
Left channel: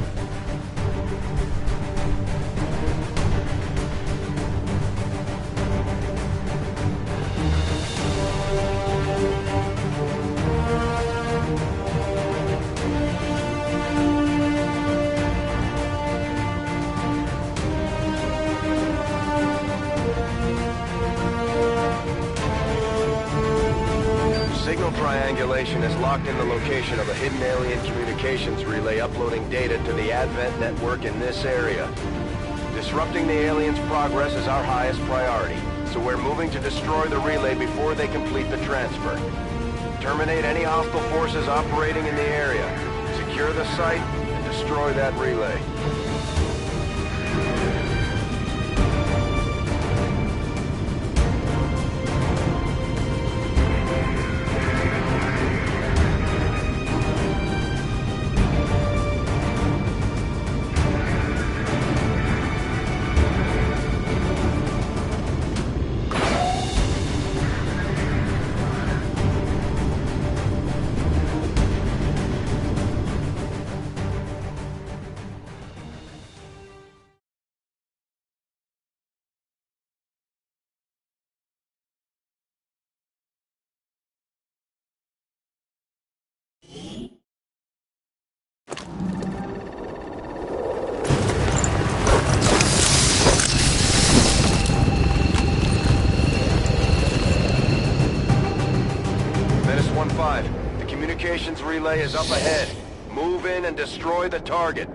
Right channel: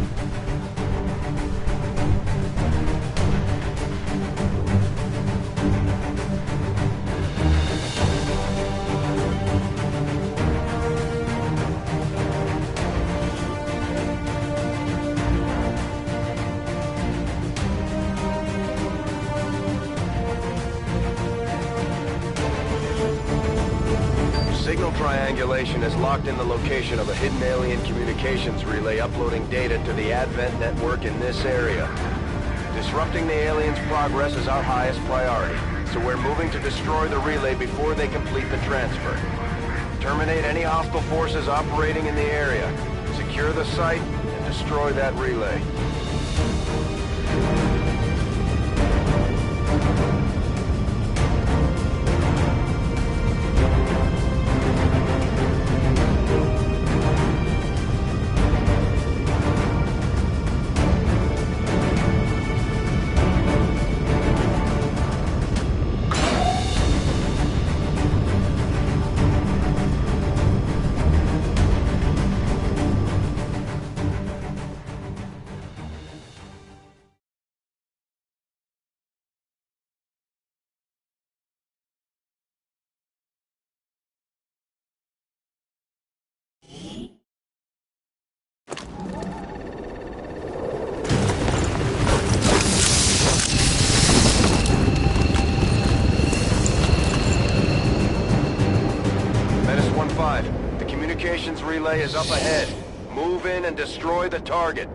Signal triangulation has locked in the location of a hidden alien communications relay uploading data to the Advent network in this area. Disrupting the aliens' progress is our highest priority, so we're moving to destroy the relay before they complete the transfer. Terminate any hostile forces operating in the area. Secure the site and destroy that relay. Menace 1-5, the communications relay is up ahead. Move in and destroy the target.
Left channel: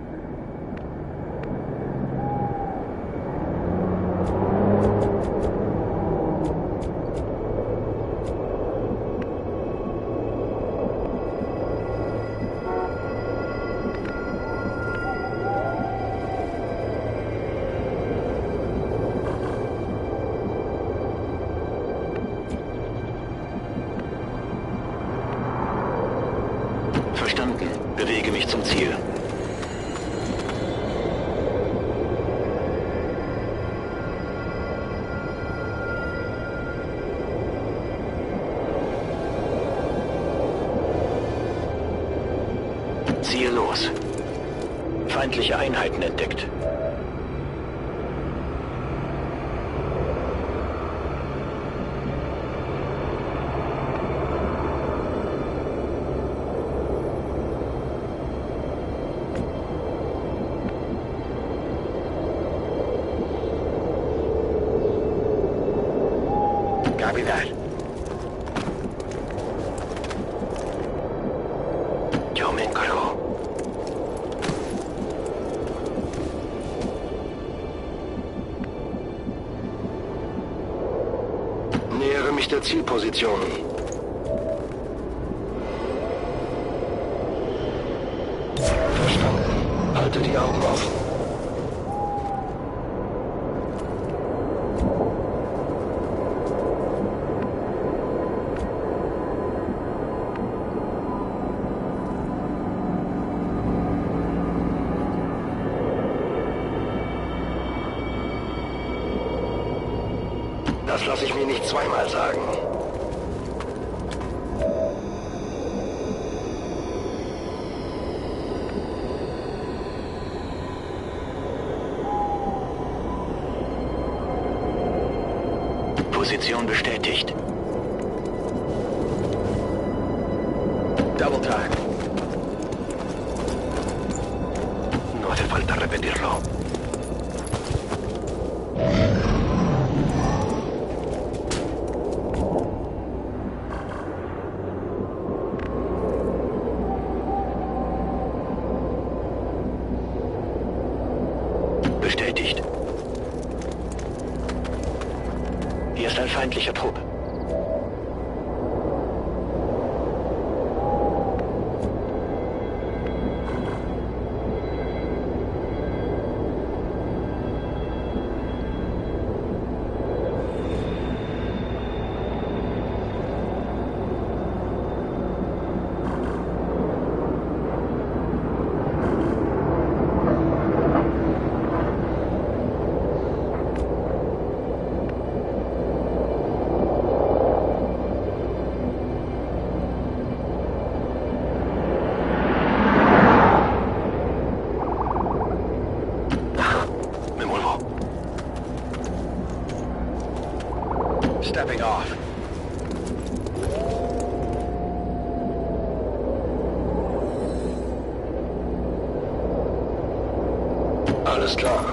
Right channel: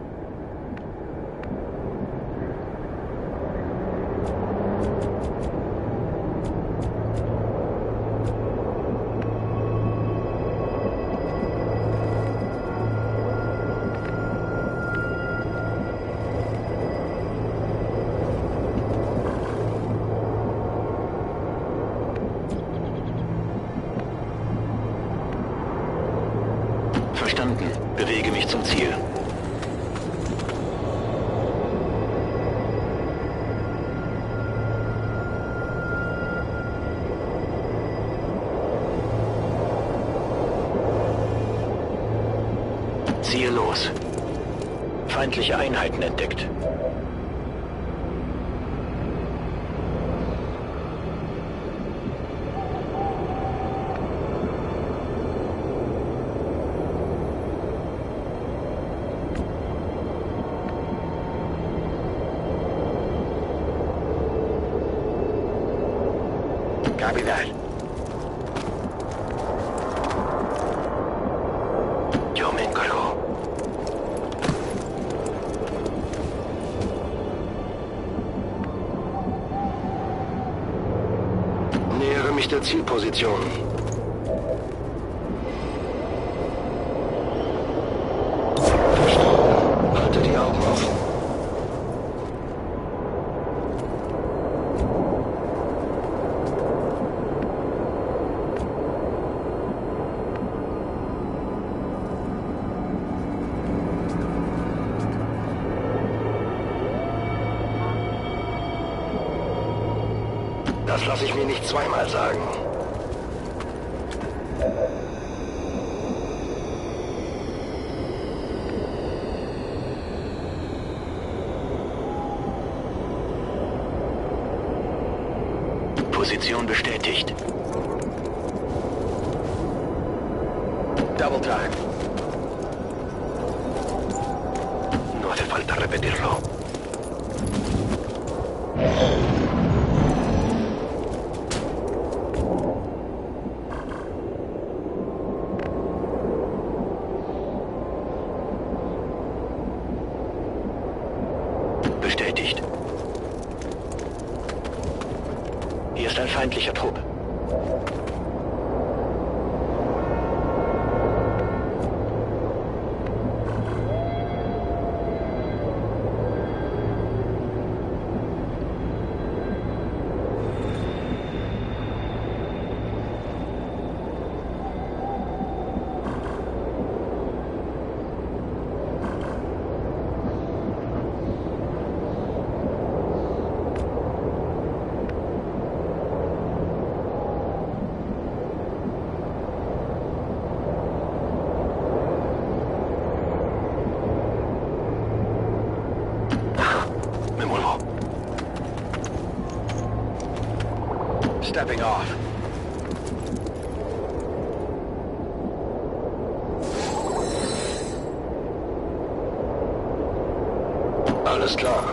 Verstanden. Bewege mich zum Ziel. Ziehe los. Feindliche Einheiten entdeckt. Copy that. Yo me encargo. Nähere mich der Zielposition. Verstanden. Halte die Augen offen. Das lasse ich mir nicht zweimal sagen. Position bestätigt. Double time. No hace falta repetirlo. Bestätigt. Hier ist ein feindlicher Trupp. muevo. Stepping off. Alles klar.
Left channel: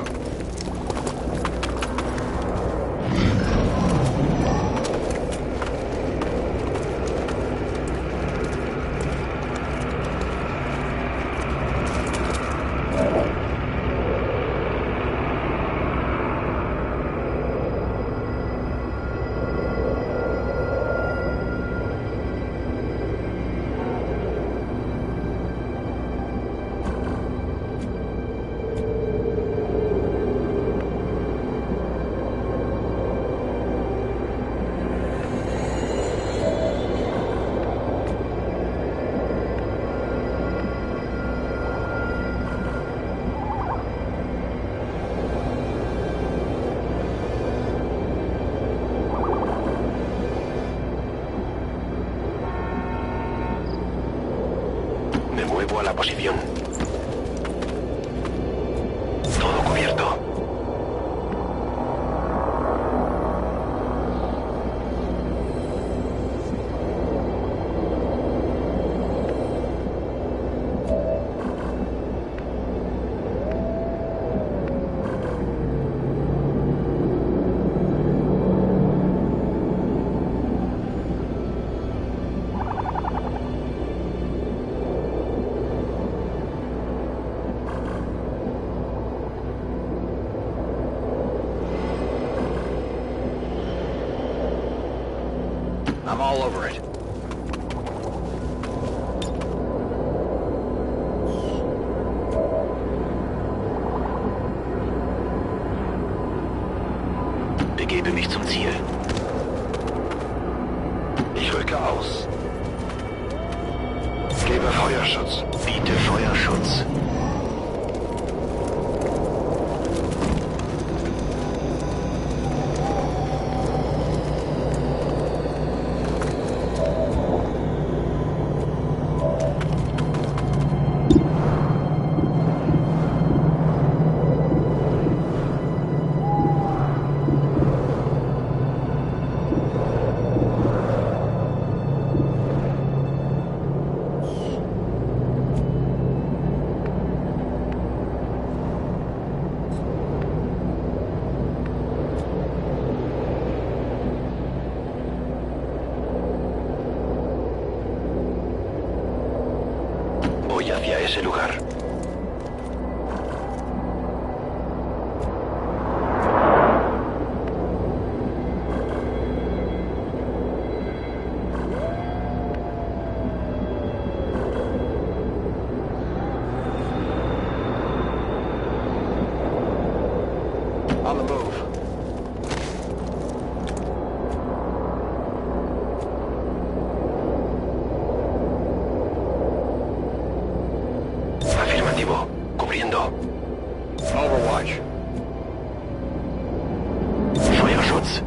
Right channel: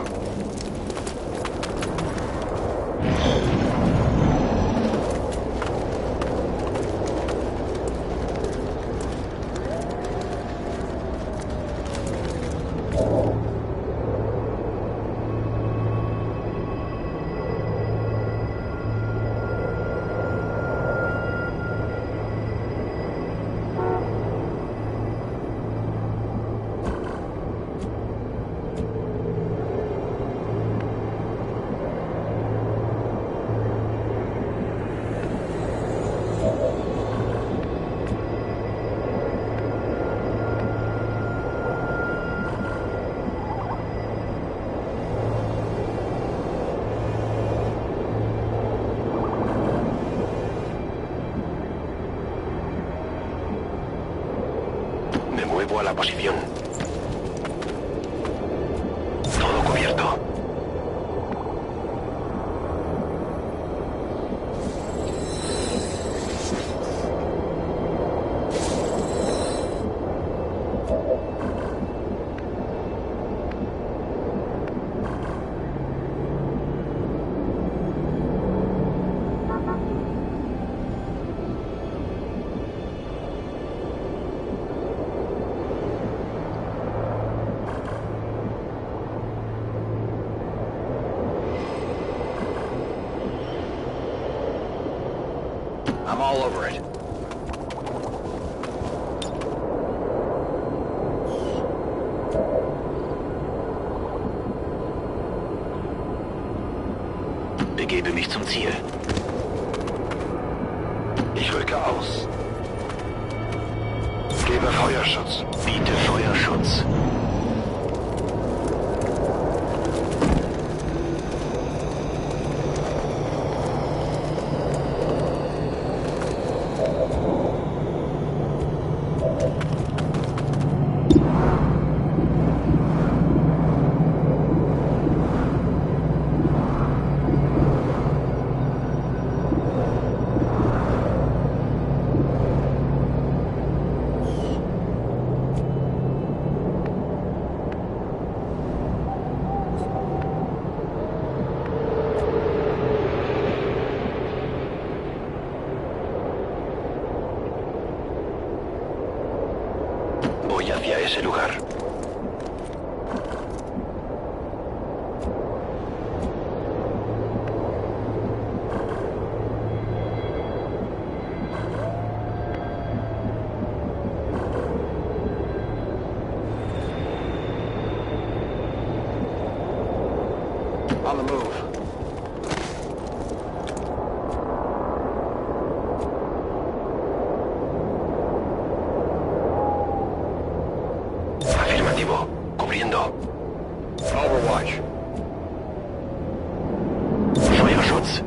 Me muevo a la posición. Todo cubierto. I'm all over it. Begebe mich zum Ziel. Ich rücke aus. Gebe Feuerschutz. Biete Feuerschutz. Voy hacia ese lugar. On the move. Afirmativo. Cubriendo. Overwatch. Feuerschutz.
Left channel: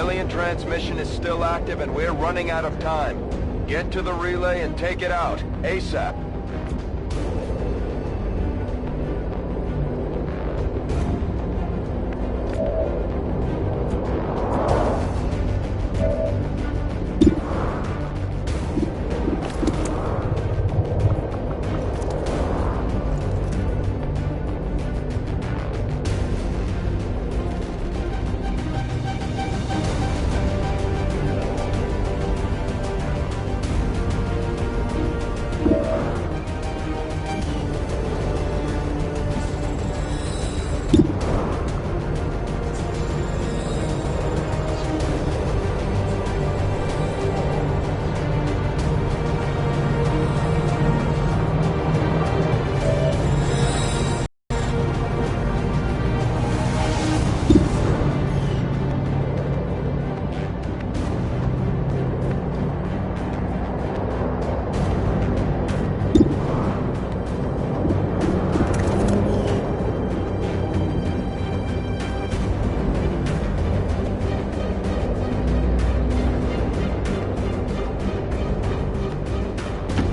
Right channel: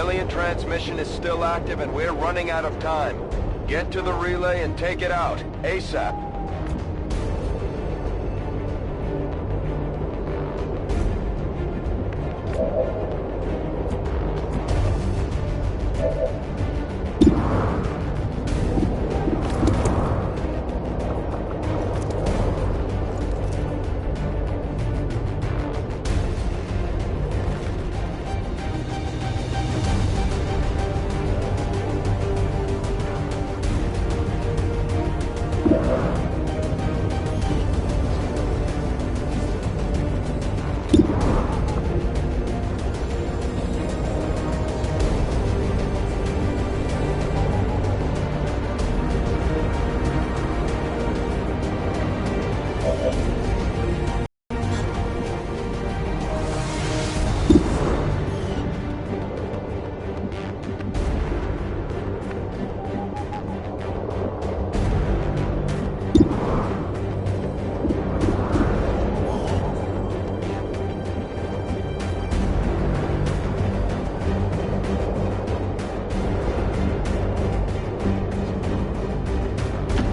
alien transmission is still active and we're running out of time. Get to the relay and take it out, ASAP.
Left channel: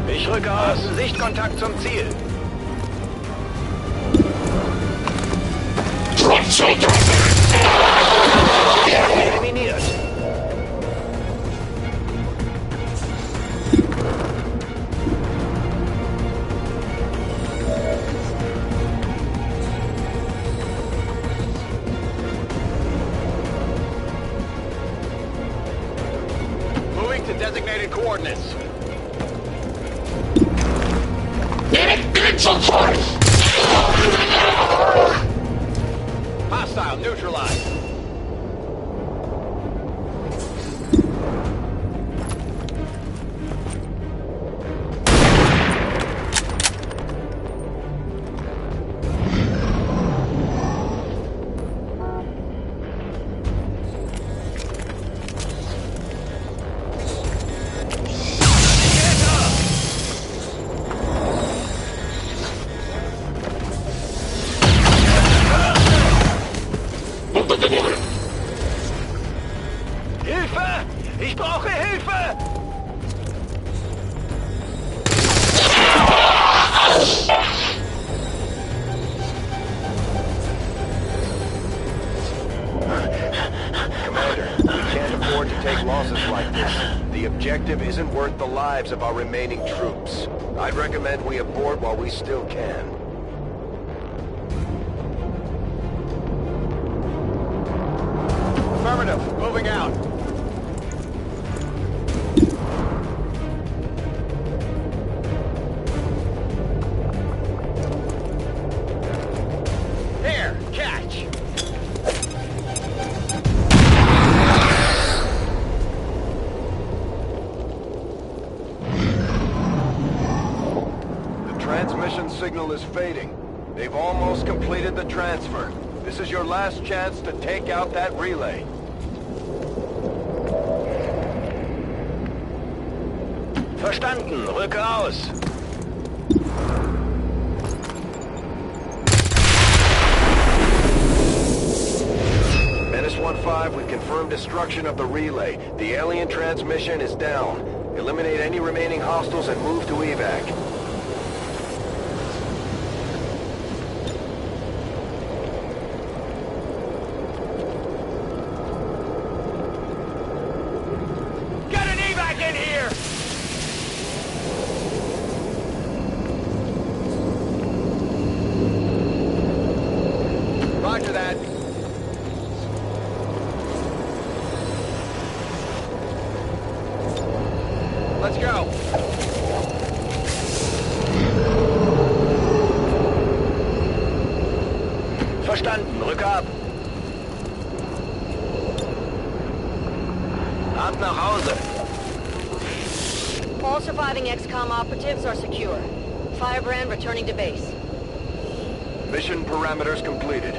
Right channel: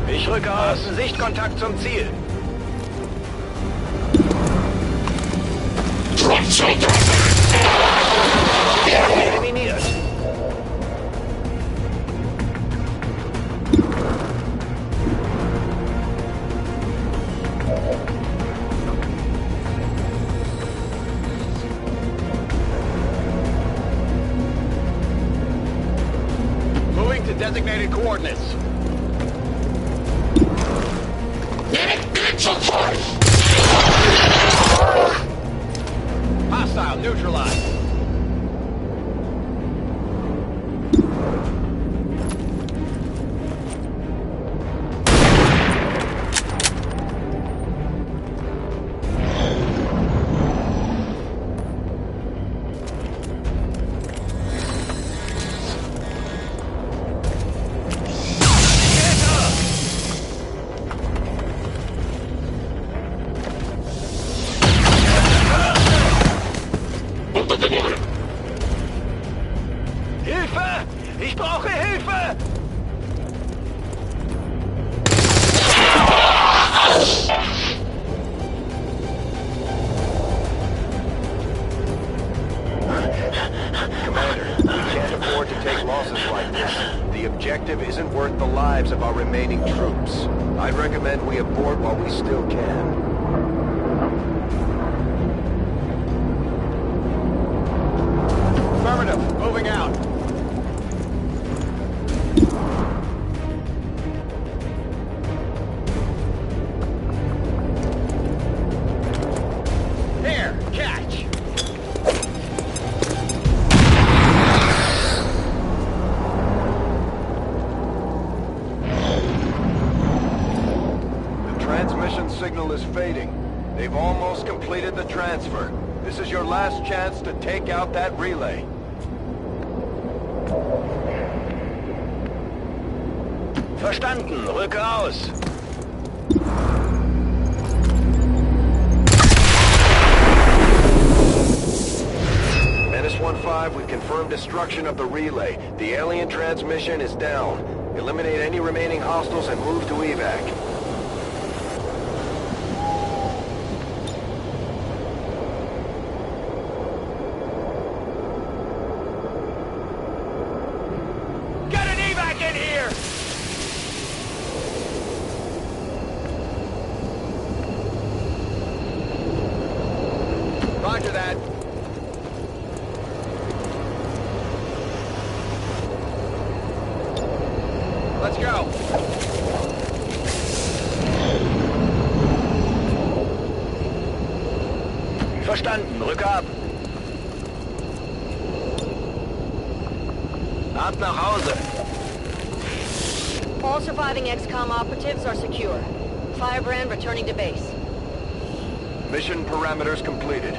Ich rücke aus. Sichtkontakt zum Ziel. Eliminiert. Moving to designated coordinates. Hostile neutralized. Hilfe! Ich brauche Hilfe! Commander, we can't afford to take losses like this. The objective isn't worth the lives of our remaining troops. I'd recommend we abort while we still can. Affirmative. Moving out. Here, catch. The transmission signal is fading. They've almost completed the transfer. This is your last chance to take out that relay. Verstanden. Rücke aus. Menace 1-5, we've confirmed destruction of the relay. The alien transmission is down. Eliminate any remaining hostiles and move to evac. Get an evac in here! Roger that. Let's go. Verstanden. Rücke ab. Ab nach Hause. All surviving XCOM operatives are secure. Firebrand returning to base. Mission parameters completed.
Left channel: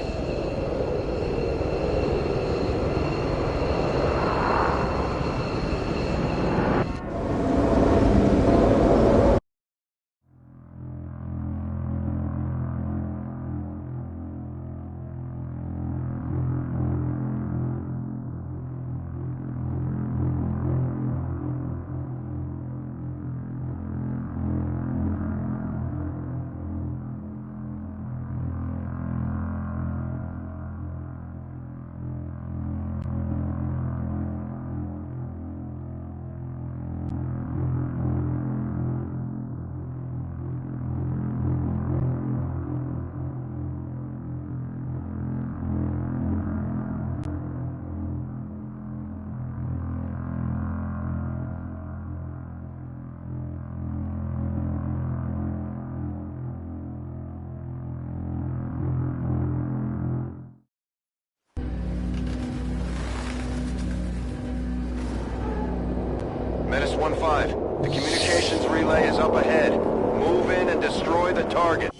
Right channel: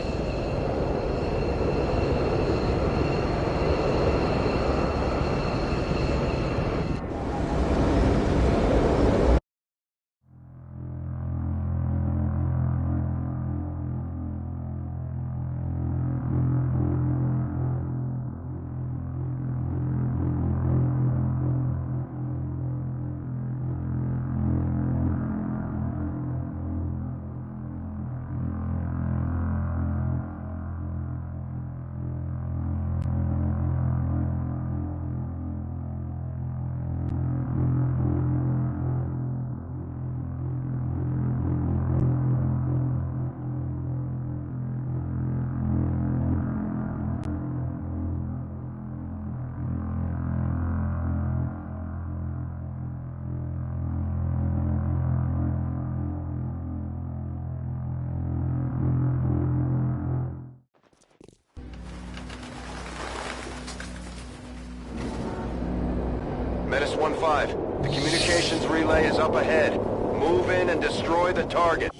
1-5. The communications relay is up ahead. Move in and destroy the target.